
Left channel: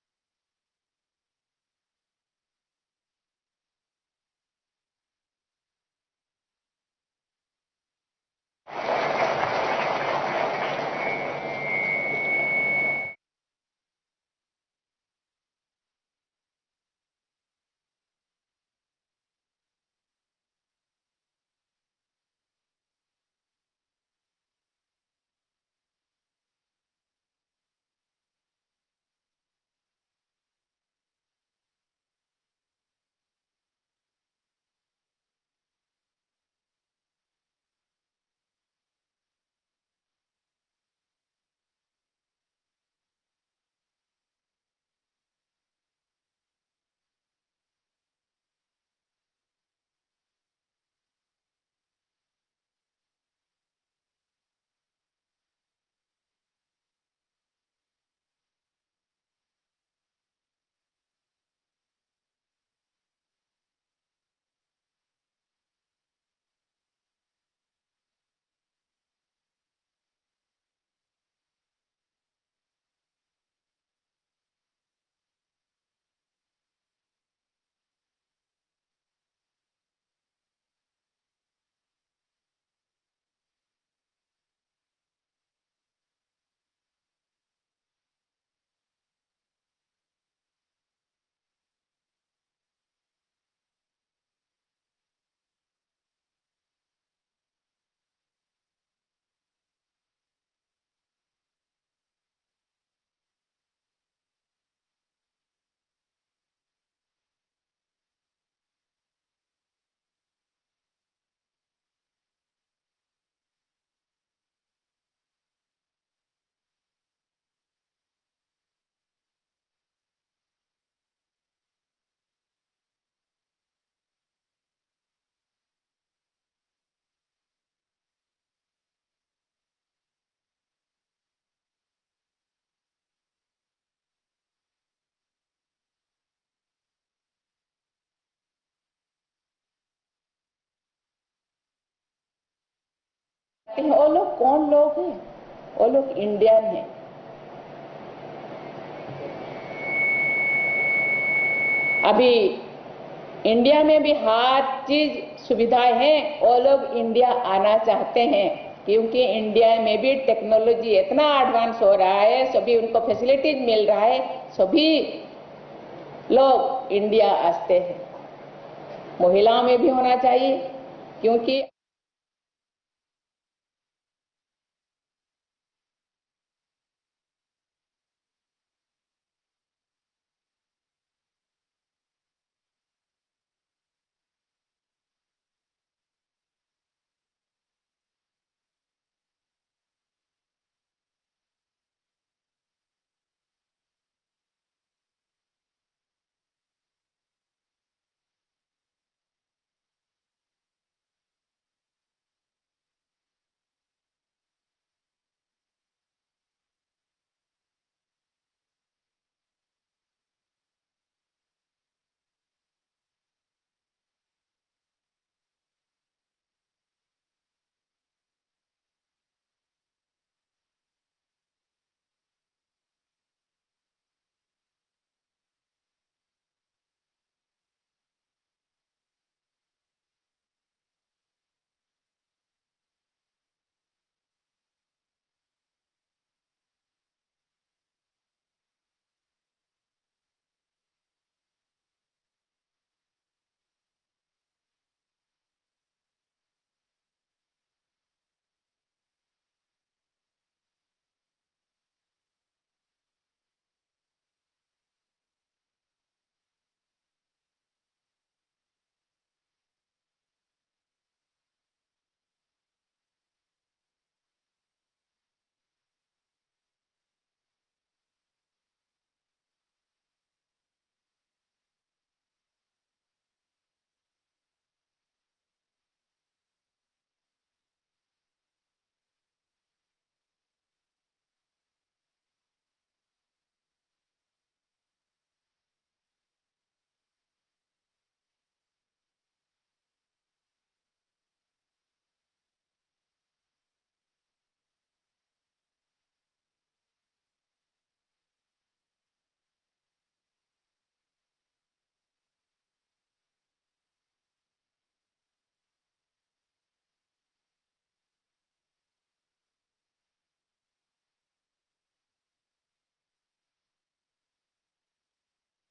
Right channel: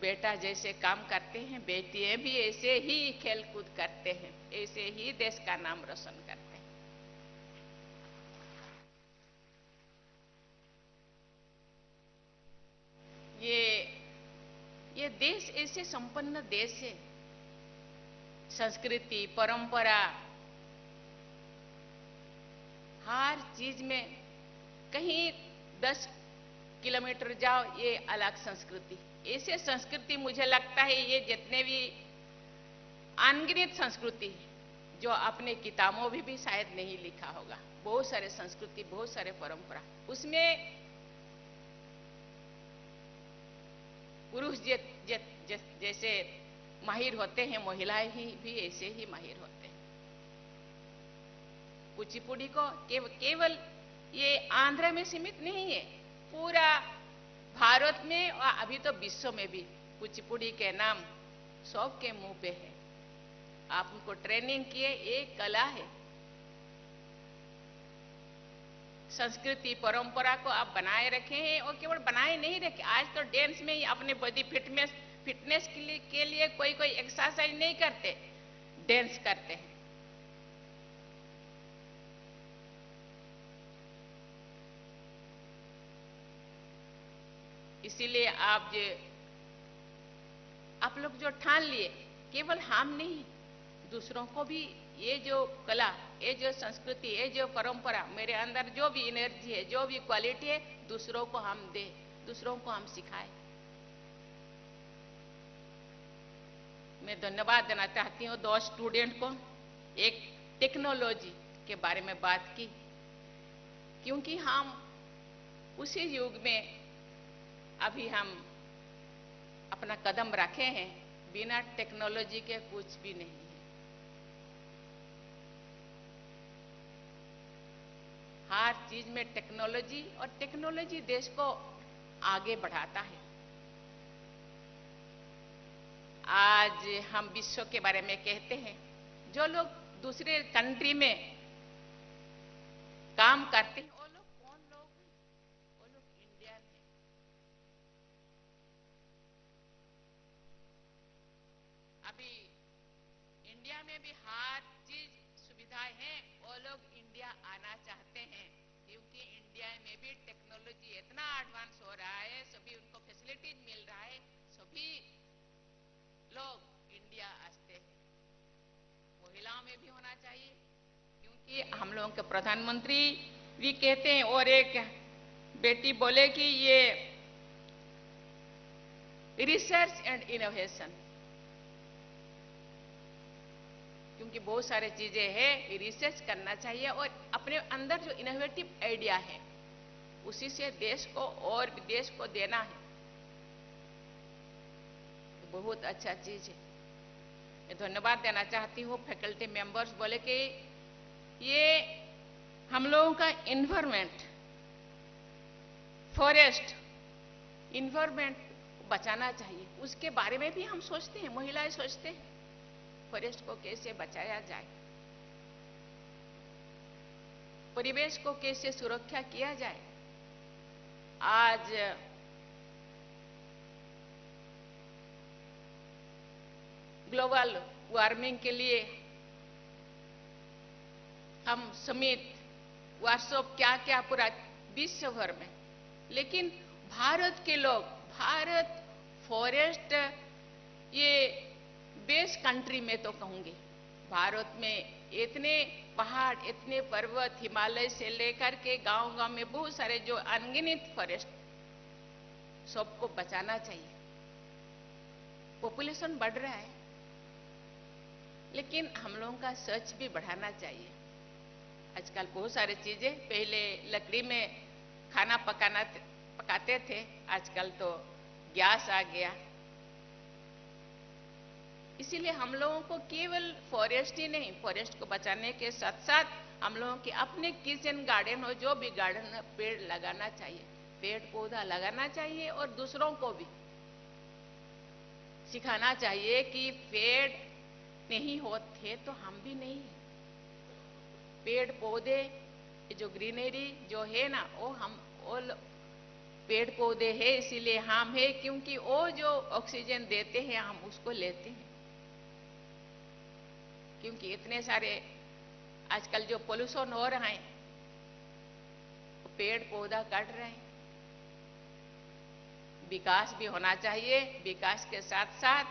बेटा जैसे काम करते हैं, बेटियां भी ऐसे ही खेलकूद करते हैं, ऐसे ही देश का नाम रोशन करते हैं। ये देश ऐसे संपन्न देश है, संस्कृति, परंपरा, हर चीज में कहीं 10 किलोमीटर जाओ ये अलग संस्कृति। ऐसे संस्कृति मुझे लगता है ये जितने भी अनगिनत संस्कृति जो अपने किताबों में भी शायद नहीं लिखा होगा। बहुत सारे संस्कृति, बहुत सारे परंपरा, उसमें पुरुष जैसे माहिर होते हैं, महिलाएं भी ऐसे ही माहिर होते हैं। कुचिपुड़ी को केवल ये आंध्र में सीमित नहीं है, पूरा भारत में और अभी तो विश्व में भी कुचिपुड़ी के नाम सबके मुंह पे है। आप उनको ट्रेनिंग किए, एक कला है। संस्कृति परंपरा को आप बनाए रखे हैं, और केवल बनाए नहीं रखे, आज तो डांस में ही अपने बॉडी फिटनेस के लिए कोई एक्सरसाइज नहीं करते, डांस करते हैं। इसीलिए आप लोग जो ठान लिए, केवल हम नहीं, दूसरों को भी ये जो कला, ये जो संस्कृति, ये जो परंपरा, मेरे अंदर जो भी एनर्जी है, जो भी क्वालिटी है, दूसरों को हम दें, दूसरों को हम सिखाएं। मैं धन्यवाद देना चाहती हूँ 2 स्टूडेंट को। एक टेक्नोलॉजी के बारे में बात की, क्योंकि हम उसी युग में अभी हम अपना कदम रखे हैं, बिना टेक्नोलॉजी के कुछ भी नहीं है। हर चीज में टेक्नोलॉजी, और टेक्नोलॉजी देश को आगे बढ़ाता है। आज हम विश्व के बारे में कहते हैं, जो लोग दूसरे कंट्री में काम करते हैं वो लोग कौन लोग हैं? वो लोग इंडियन हैं। अभी इंडिया में भी हर चीज सुविधाएं हैं, वो लोग इंडिया आना चाहते हैं, क्योंकि इंडिया में भी टेक्नोलॉजी इतना एडवांस हो रहा है, सभी उनको फैसिलिटीज मिल रहा है, सभी लोग इंडिया आते हैं। महिलाओं में भी होना चाहिए, क्योंकि हम लोगों के प्रधानमंत्री भी कहते हैं, और एक बेटी बोले कि ये रिसर्च एंड इनोवेशन, क्योंकि बहुत सारे चीजें हैं, रिसर्च करना चाहिए, और अपने अंदर जो इनोवेटिव आइडिया है उसी से देश को और विदेश को देना है। बहुत अच्छा चीज है। मैं धन्यवाद देना चाहती हूँ फैकल्टी मेंबर्स बोले कि ये हम लोगों का इन्वायरमेंट, फॉरेस्ट, इन्वायरमेंट बचाना चाहिए, उसके बारे में भी हम सोचते हैं, महिलाएं सोचते हैं फॉरेस्ट को कैसे बचाया जाए, परिवेश को कैसे सुरक्षा किया जाए। आज ग्लोबल वार्मिंग के लिए हम समिट, वर्कशॉप, क्या क्या पूरा विश्व भर में, लेकिन भारत के लोग, भारत फॉरेस्ट ये बेस्ट कंट्री में तो कहूंगी, भारत में इतने पहाड़, इतने पर्वत, हिमालय से लेकर के गांव-गांव में बहुत सारे जो अनगिनत फॉरेस्ट, सबको बचाना चाहिए। पॉपुलेशन बढ़ रहा है, लेकिन हम लोगों का सर्च भी बढ़ाना चाहिए। आजकल बहुत सारी चीजें, पहले लकड़ी में खाना पकाते थे, आजकल तो गैस आ गया। इसीलिए हम लोगों को केवल फॉरेस्ट ही नहीं, फॉरेस्ट को बचाने के साथ साथ हम लोगों के अपने किचन गार्डन हो, जो भी गार्डन है, पेड़ लगाना चाहिए, पेड़ पौधा लगाना चाहिए और दूसरों को भी सिखाना चाहिए कि पेड़ नहीं होते तो हम भी नहीं है। पेड़ पौधे जो ग्रीनरी जो है ना, वो पेड़ पौधे है, इसीलिए हम है, क्योंकि वो जो ऑक्सीजन देते हैं हम उसको लेते हैं। क्योंकि इतने सारे आजकल जो पोल्यूशन हो रहा है, पेड़ पौधा काट रहे हैं। विकास भी होना चाहिए, विकास के साथ साथ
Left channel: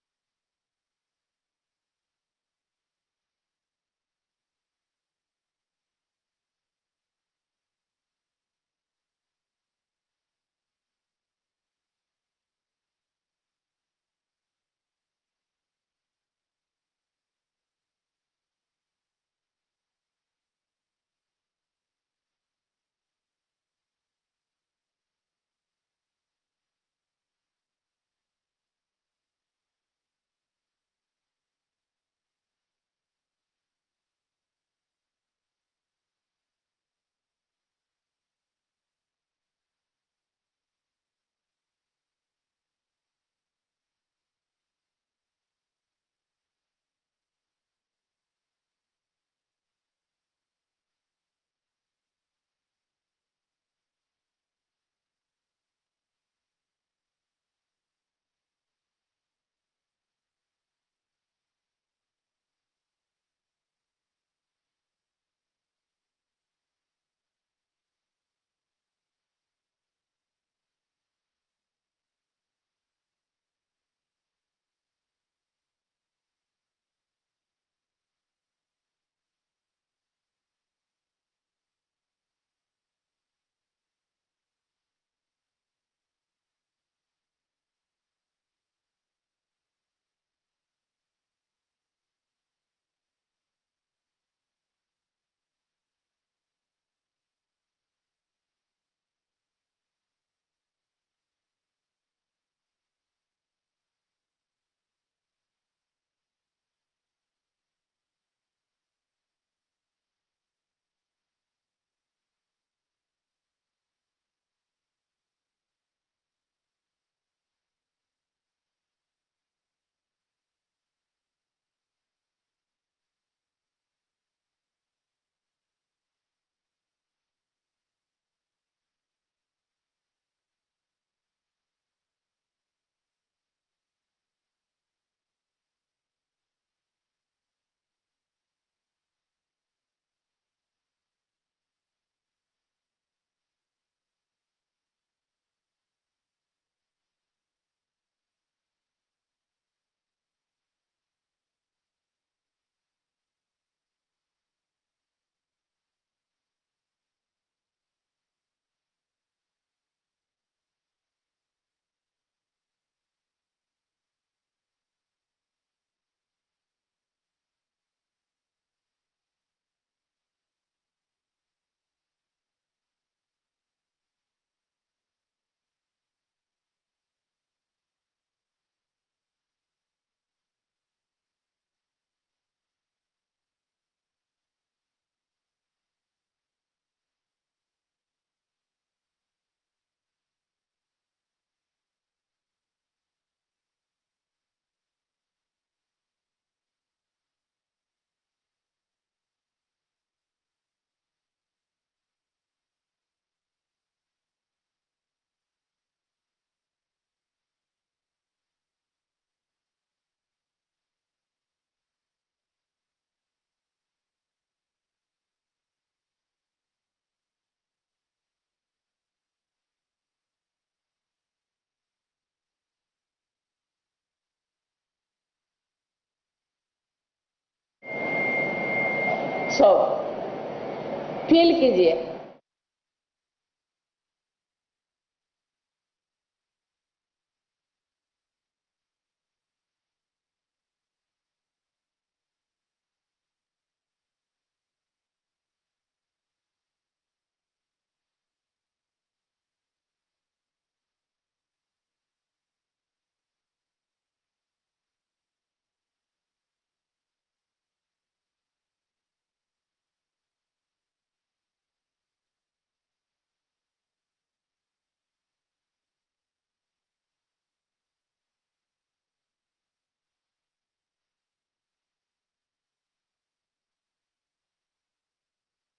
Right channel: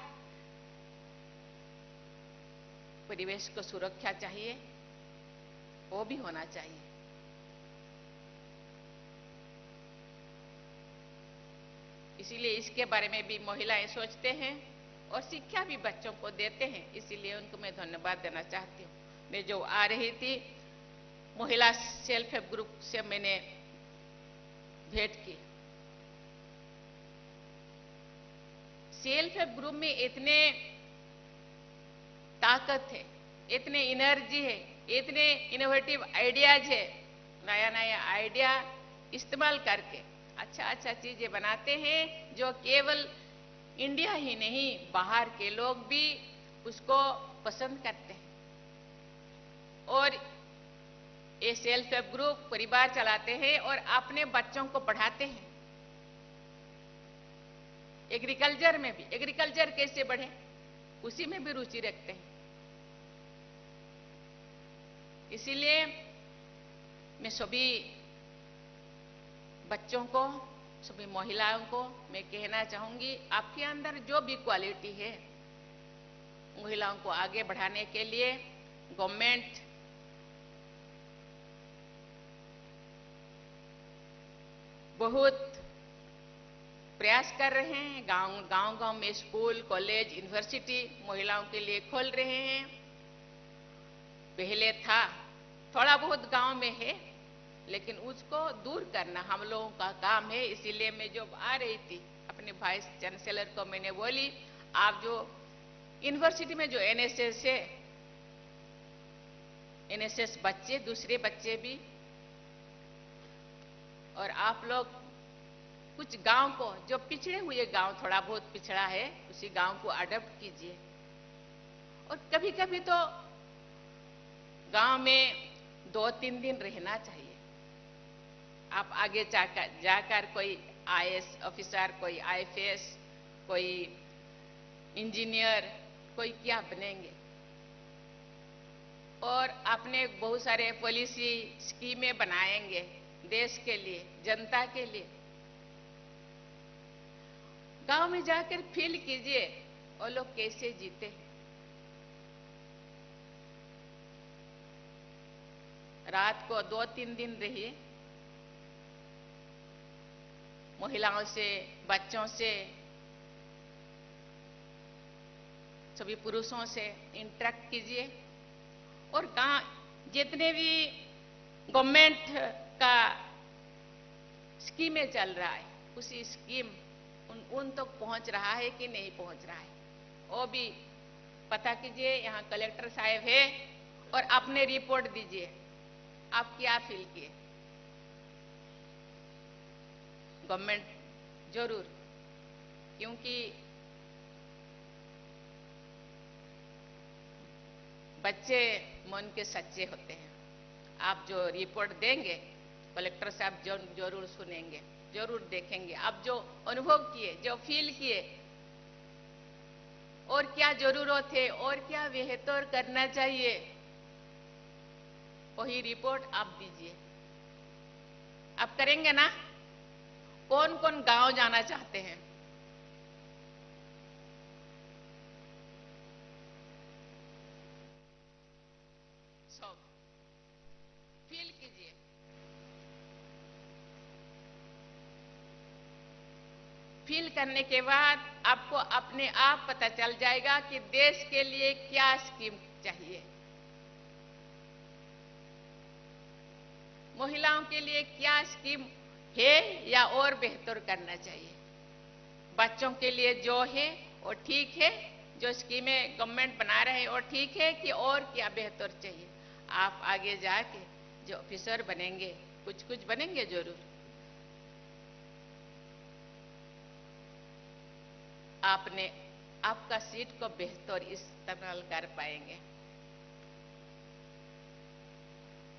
परिवेश को सुरक्षा चाहिए, वो भी होना चाहिए। इसीलिए इसके बारे में भी महिलाएं सोचते हैं और शिक्षा भी बच्चों को देते हैं, इसीलिए उनको मैं धन्यवाद देना चाहती हूँ। मैं जो आ रही थी, महिला सेल्फ हेल्प ग्रुप से मैंने भेंट की। सेल्फ हेल्प ग्रुप में इतने ताकत है, इतने एनर्जी है, इतने इनोवेटिव आइडियाज है, नया नया आइडिया इस्तेमाल करके अच्छा चीजें बनाते हैं, जो केवल इंडिया ही नहीं, बाहर के लोग भी उसको पसंद करते हैं। और ये सेल्फ हेल्प ग्रुप परिवार चलाते हैं और अपने बच्चों को पढ़ाते हैं। एग्रीकल्चर में भी, एग्रीकल्चर कैसे बढ़े, उसी में भी रुचि रखते हैं। इसीलिए मैं सभी बच्चों को, सभी महिलाओं को मैं कहना चाहूंगी, आपके अंदर जो भी क्वालिटी है, महिलाओं को आगे बढ़ाने के लिए गवर्नमेंट बहुत प्रयास कर रहे हैं। गांव में स्कूल, कॉलेज, यूनिवर्सिटी महिलाओं के लिए खोल रहे हैं। पहले था, थोड़ा बहुत गांव में है, लेकिन उसको दूर करना हम लोगों का काम है। इसीलिए मैं जब आ रही थी, अपने वाइस चांसलर को मैंने बोली, आप जो यूनिवर्सिटी में जो एनएसएस है, एनएसएस बच्चे, दूसरे बच्चे भी, और आप लोग कुछ गांव को, जो पिछड़े हुए गांव, थोड़ा बहुत पिछड़ा है, उसी गांव को अडॉप्ट कीजिए। और कभी कभी तो गांव में 2-3 दिन रहना चाहिए। आप आगे जाकर कोई आईएएस ऑफिसर, कोई आईएफएस, कोई इंजीनियर, कोई क्या बनेंगे। और अपने बहुत सारे पॉलिसी स्कीमें बनाएंगे देश के लिए, जनता के लिए। गांव में जाकर फील कीजिए वो लोग कैसे जीते। रात को 2-3 दिन रहिए, महिलाओं से, बच्चों से, सभी पुरुषों से इंटरेक्ट कीजिए। और गांव जितने भी गवर्नमेंट का स्कीमें चल रहा है, उसी स्कीम उन तक पहुंच रहा है कि नहीं पहुंच रहा है, वो भी पता कीजिए। यहाँ कलेक्टर साहब है, और अपने रिपोर्ट दीजिए, आप क्या फील किए। गवर्नमेंट जरूर, क्योंकि बच्चे मन के सच्चे होते हैं। आप जो रिपोर्ट देंगे, कलेक्टर साहब जरूर सुनेंगे, जरूर देखेंगे। आप जो अनुभव किए, जो फील किए, और क्या जरूरत है, और क्या बेहतर करना चाहिए, वही रिपोर्ट आप दीजिए। आप करेंगे ना? कौन कौन गांव जाना चाहते हैं? So, फील कीजिए। फील करने के बाद आपको अपने आप पता चल जाएगा कि देश के लिए क्या स्कीम चाहिए, महिलाओं के लिए क्या स्कीम है या और बेहतर करना चाहिए। बच्चों के लिए जो है वो ठीक है, जो स्कीमें गवर्नमेंट बना रहे हैं वो ठीक है कि और क्या बेहतर चाहिए। आप आगे जाके जो ऑफिसर बनेंगे, कुछ कुछ बनेंगे जरूर, आपने आपका सीट को बेहतर इस्तेमाल कर पाएंगे।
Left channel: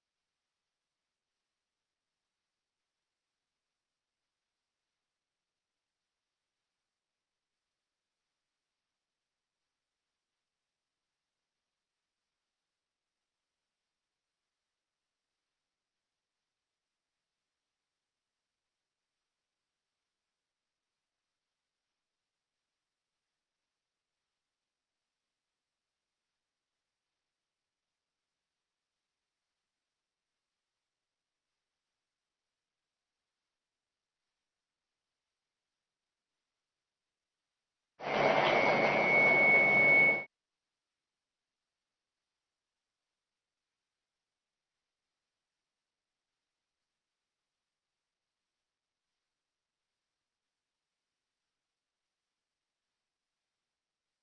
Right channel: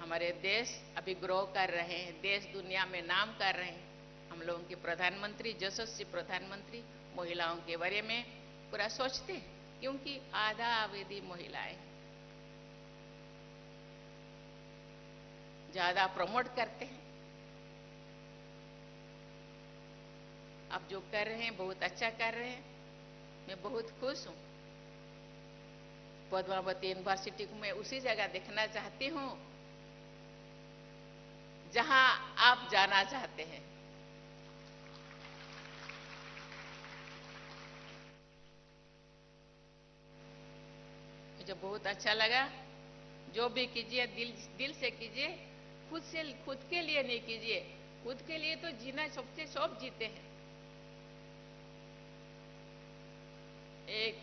हमारे देश अभी ग्रो कर रहे हैं, देश दुनिया में नाम कर रहे हैं। हम लोगों के प्रधानमंत्री, यशस्वी प्रधानमंत्री महिलाओं के बारे में पूरा सोचते हैं, क्योंकि आधा आबादी महिलाएं ज्यादा प्रमोट करते हैं। आप जो कर रहे हैं बहुत अच्छा कर रहे हैं, मैं बहुत खुश हूं। पद्मावती यूनिवर्सिटी को मैं उसी जगह देखना चाहती हूं जहां आप जाना चाहते हैं। मुझे बहुत अच्छा लगा। जो भी कीजिए दिल से कीजिए, खुद के लिए नहीं कीजिए। खुद के लिए तो जीना सबसे सब जीते हैं। एक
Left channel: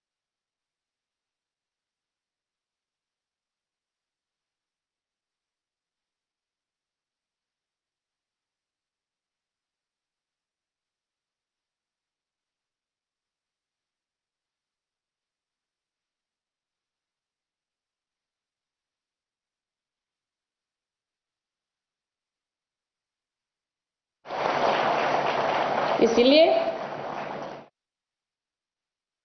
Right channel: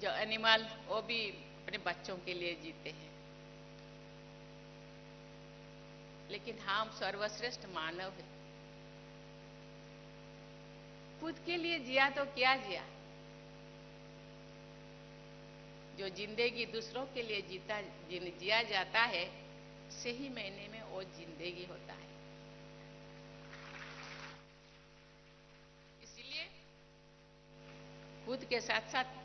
जो एनिमल वो भी अपने बच्चों के लिए जीते हैं, लेकिन हम सर्वश्रेष्ठ मानव हैं। खुद के लिए जिया तो क्या जिया। जो जिंदगी दूसरों के लिए जिया जाता है, सही मायने में वो जिंदगी होता है। इसलिए खुद के साथ साथ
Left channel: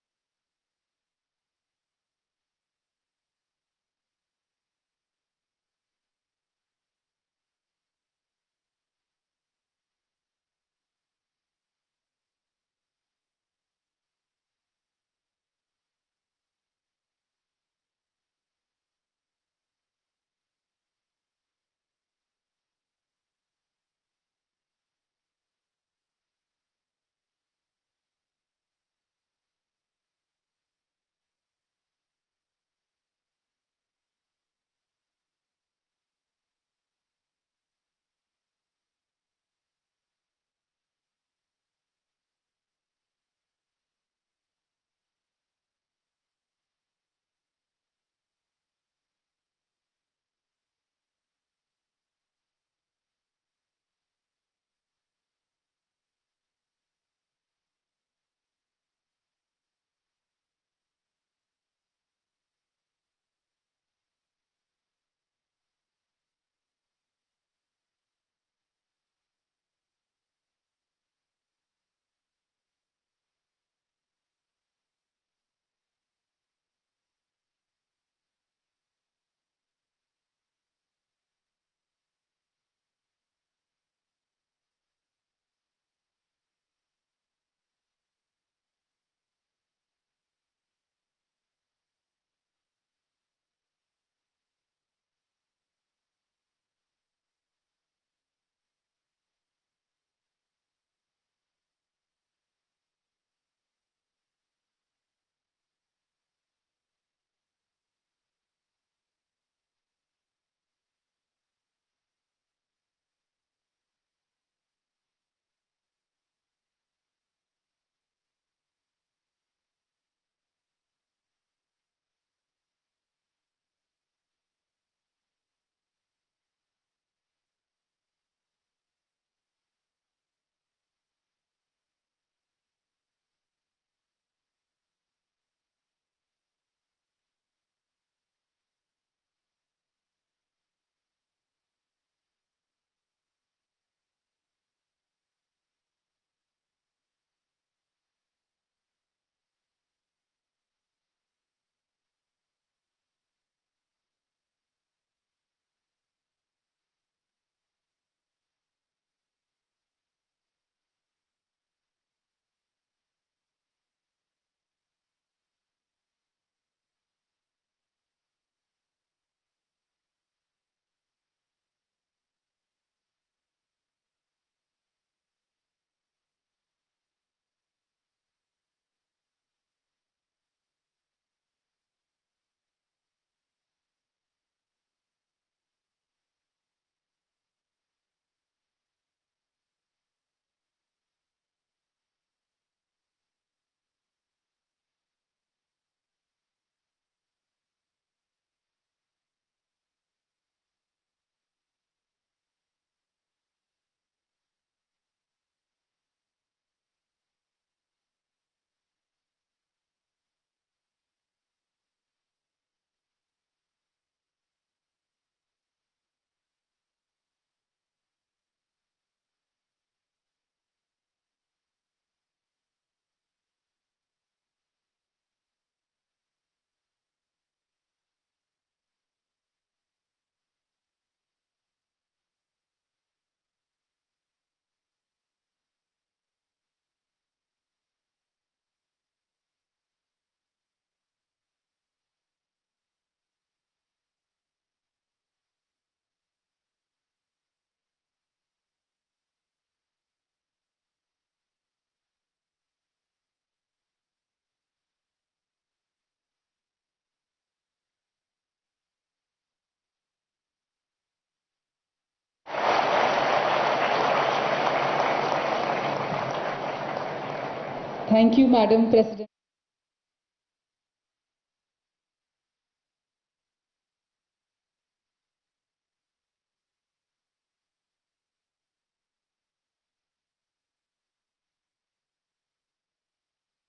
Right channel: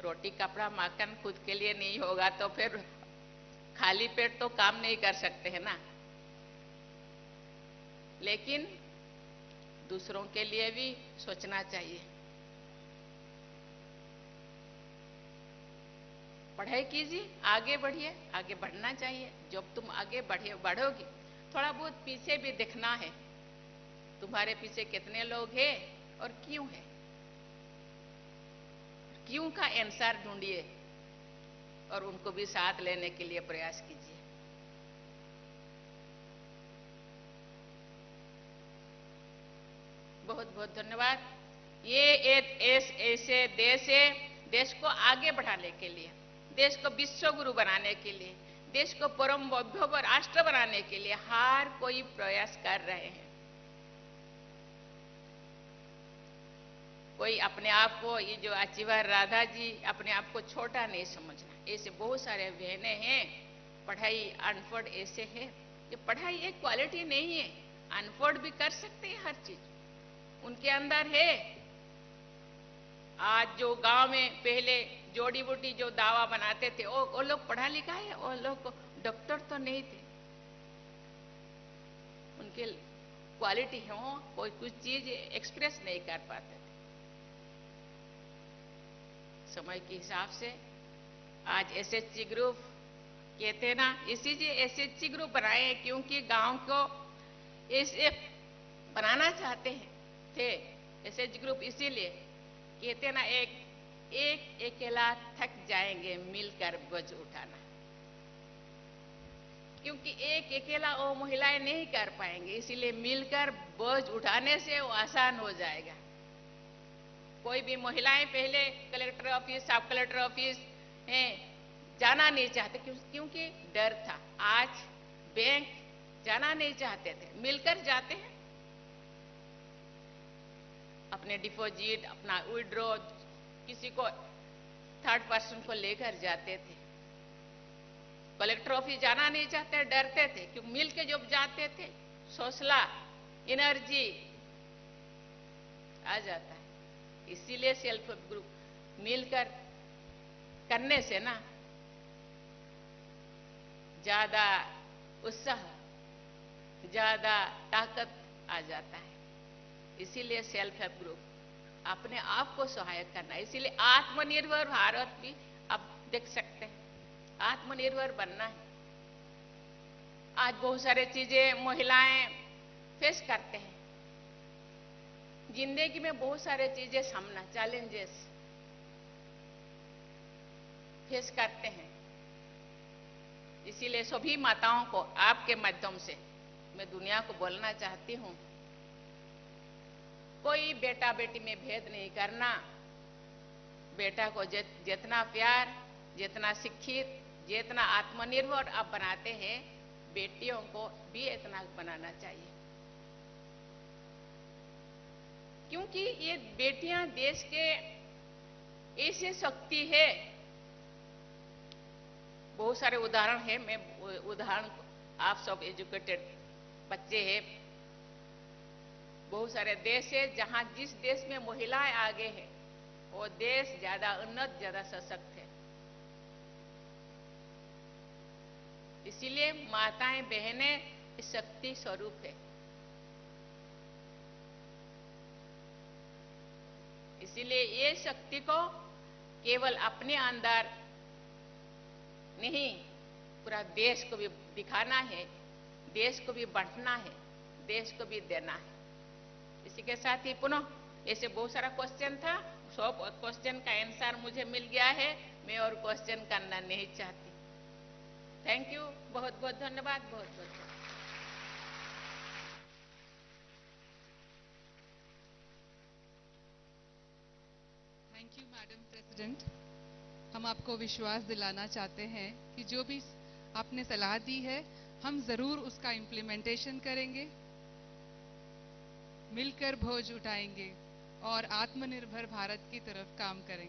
रोटी कपड़ा मकान खुद के लिए नहीं होगा तो फिर खाली पेट तो काम नहीं कर सकते हैं ना। लेकिन दूसरों के लिए भी सोचना चाहिए। पढ़ाई कीजिए, आगे बढ़िए, आगे बढ़ना चाहिए। जब तुम आगे बढ़ोगे, थोड़ा बहुत पीछे भी देखना है, तुम्हारे पीछे कितने लोग हैं और क्यों है। क्यों का आंसर ढूंढिए और उनको भी साथ लेने के लिए प्रयास कीजिए। बहुत बहुत धन्यवाद। ये एक ऐसे देश है, देश को आगे बढ़ाने के लिए, देश को विश्व गुरु बनाने के लिए, देश को परम वैभव राष्ट्र बनाने के लिए हर कोई प्रयास कर रहे हैं। कोई अपने आप को, ये जो अचीवर राधा जी, अपने आप को छोटा नहीं समझना। ऐसे बहुत सारे बहनें हैं, पढ़ाई अनपढ़ ऐसे है कि पढ़ाई एक क्वालिटी नहीं है। अनपढ़ भी कर सकते हैं हर चीज, उनके अंदर है। आज जो गांव में पहले जोड़ी बूटी जो दावा बनाते थे, वो लोग पढ़ा लिखा है, वो लोग डॉक्टर तो नहीं थे, उनके क्वालिटी है, वो कोई कुछ चीज एक्सप्रेस नहीं कर पाते थे। समय के हिसाब से आज एसएचजी ग्रुप कहते ना, इसीलिए एसएचजी ग्रुप बनाए हैं, क्योंकि गांव को ऐसे बनाना चाहते हैं थे। एसएचजी ग्रुप इसीलिए कहते ना, एक अकेला थक जाएंगे मिलकर बोझ उठाना, क्योंकि एक अकेला वो महिलाएं नहीं कर पाएंगे। इसीलिए मिलकर बोझ उठाने से वो आसान हो जाएगा। कोई भी महिलाएं पहले कलेक्टर ऑफिस, सब कलेक्टर ऑफिस जाना नहीं चाहते, क्योंकि डर था। आज बैंक जाना नहीं चाहते थे, मिलकर जाते हैं। अपने डिपॉजिट, अपना विड्रॉ, किसी को थर्ड पर्सन को लेकर जाते थे। कलेक्टर ऑफिस जाना नहीं चाहते, डरते थे, क्योंकि मिल के जब जाते थे हौसला, एनर्जी आ जाता है। इसीलिए सेल्फ हेल्प ग्रुप मिलकर करने से ना ज्यादा उत्साह, ज्यादा ताकत आ जाता है। इसीलिए सेल्फ हेल्प ग्रुप अपने आप को सहायक करना है। इसीलिए आत्मनिर्भर भारत भी आप देख सकते हैं, आत्मनिर्भर बनना है। आज बहुत सारे चीजें महिलाएं फेस करते हैं। जिंदगी में बहुत सारे चीजें सामना चैलेंजेस फेस करते हैं। इसीलिए सभी माताओं को आपके माध्यम से मैं दुनिया को बोलना चाहती हूं, कोई बेटा बेटी में भेद नहीं करना। बेटा को जितना प्यार, जितना शिक्षित, जितना आत्मनिर्भर आप बनाते हैं, बेटियों को भी इतना बनाना चाहिए। क्योंकि ये बेटियां देश के ऐसी शक्ति है। बहुत सारे उदाहरण है, मैं उदाहरण, आप सब एजुकेटेड बच्चे हैं। बहुत सारे देश है जहां जिस देश में महिलाएं आगे है वो देश ज्यादा उन्नत, ज्यादा सशक्त है। इसीलिए माताएं बहनें शक्ति स्वरूप है। इसीलिए ये शक्ति को केवल अपने अंदर नहीं, पूरा देश को भी दिखाना है, देश को भी बांटना है, देश को भी देना है। इसी के साथ ही पुनः ऐसे बहुत सारा क्वेश्चन था, सब क्वेश्चन का आंसर मुझे मिल गया है। मैं और क्वेश्चन करना नहीं चाहती। थैंक यू, बहुत बहुत धन्यवाद, बहुत बहुत। Thank you madam president. हम आपको विश्वास दिलाना चाहते हैं कि जो भी आपने सलाह दी है, हम जरूर उसका इम्प्लीमेंटेशन करेंगे, मिलकर बोझ उठाएंगे और आत्मनिर्भर भारत की तरफ काम करेंगे।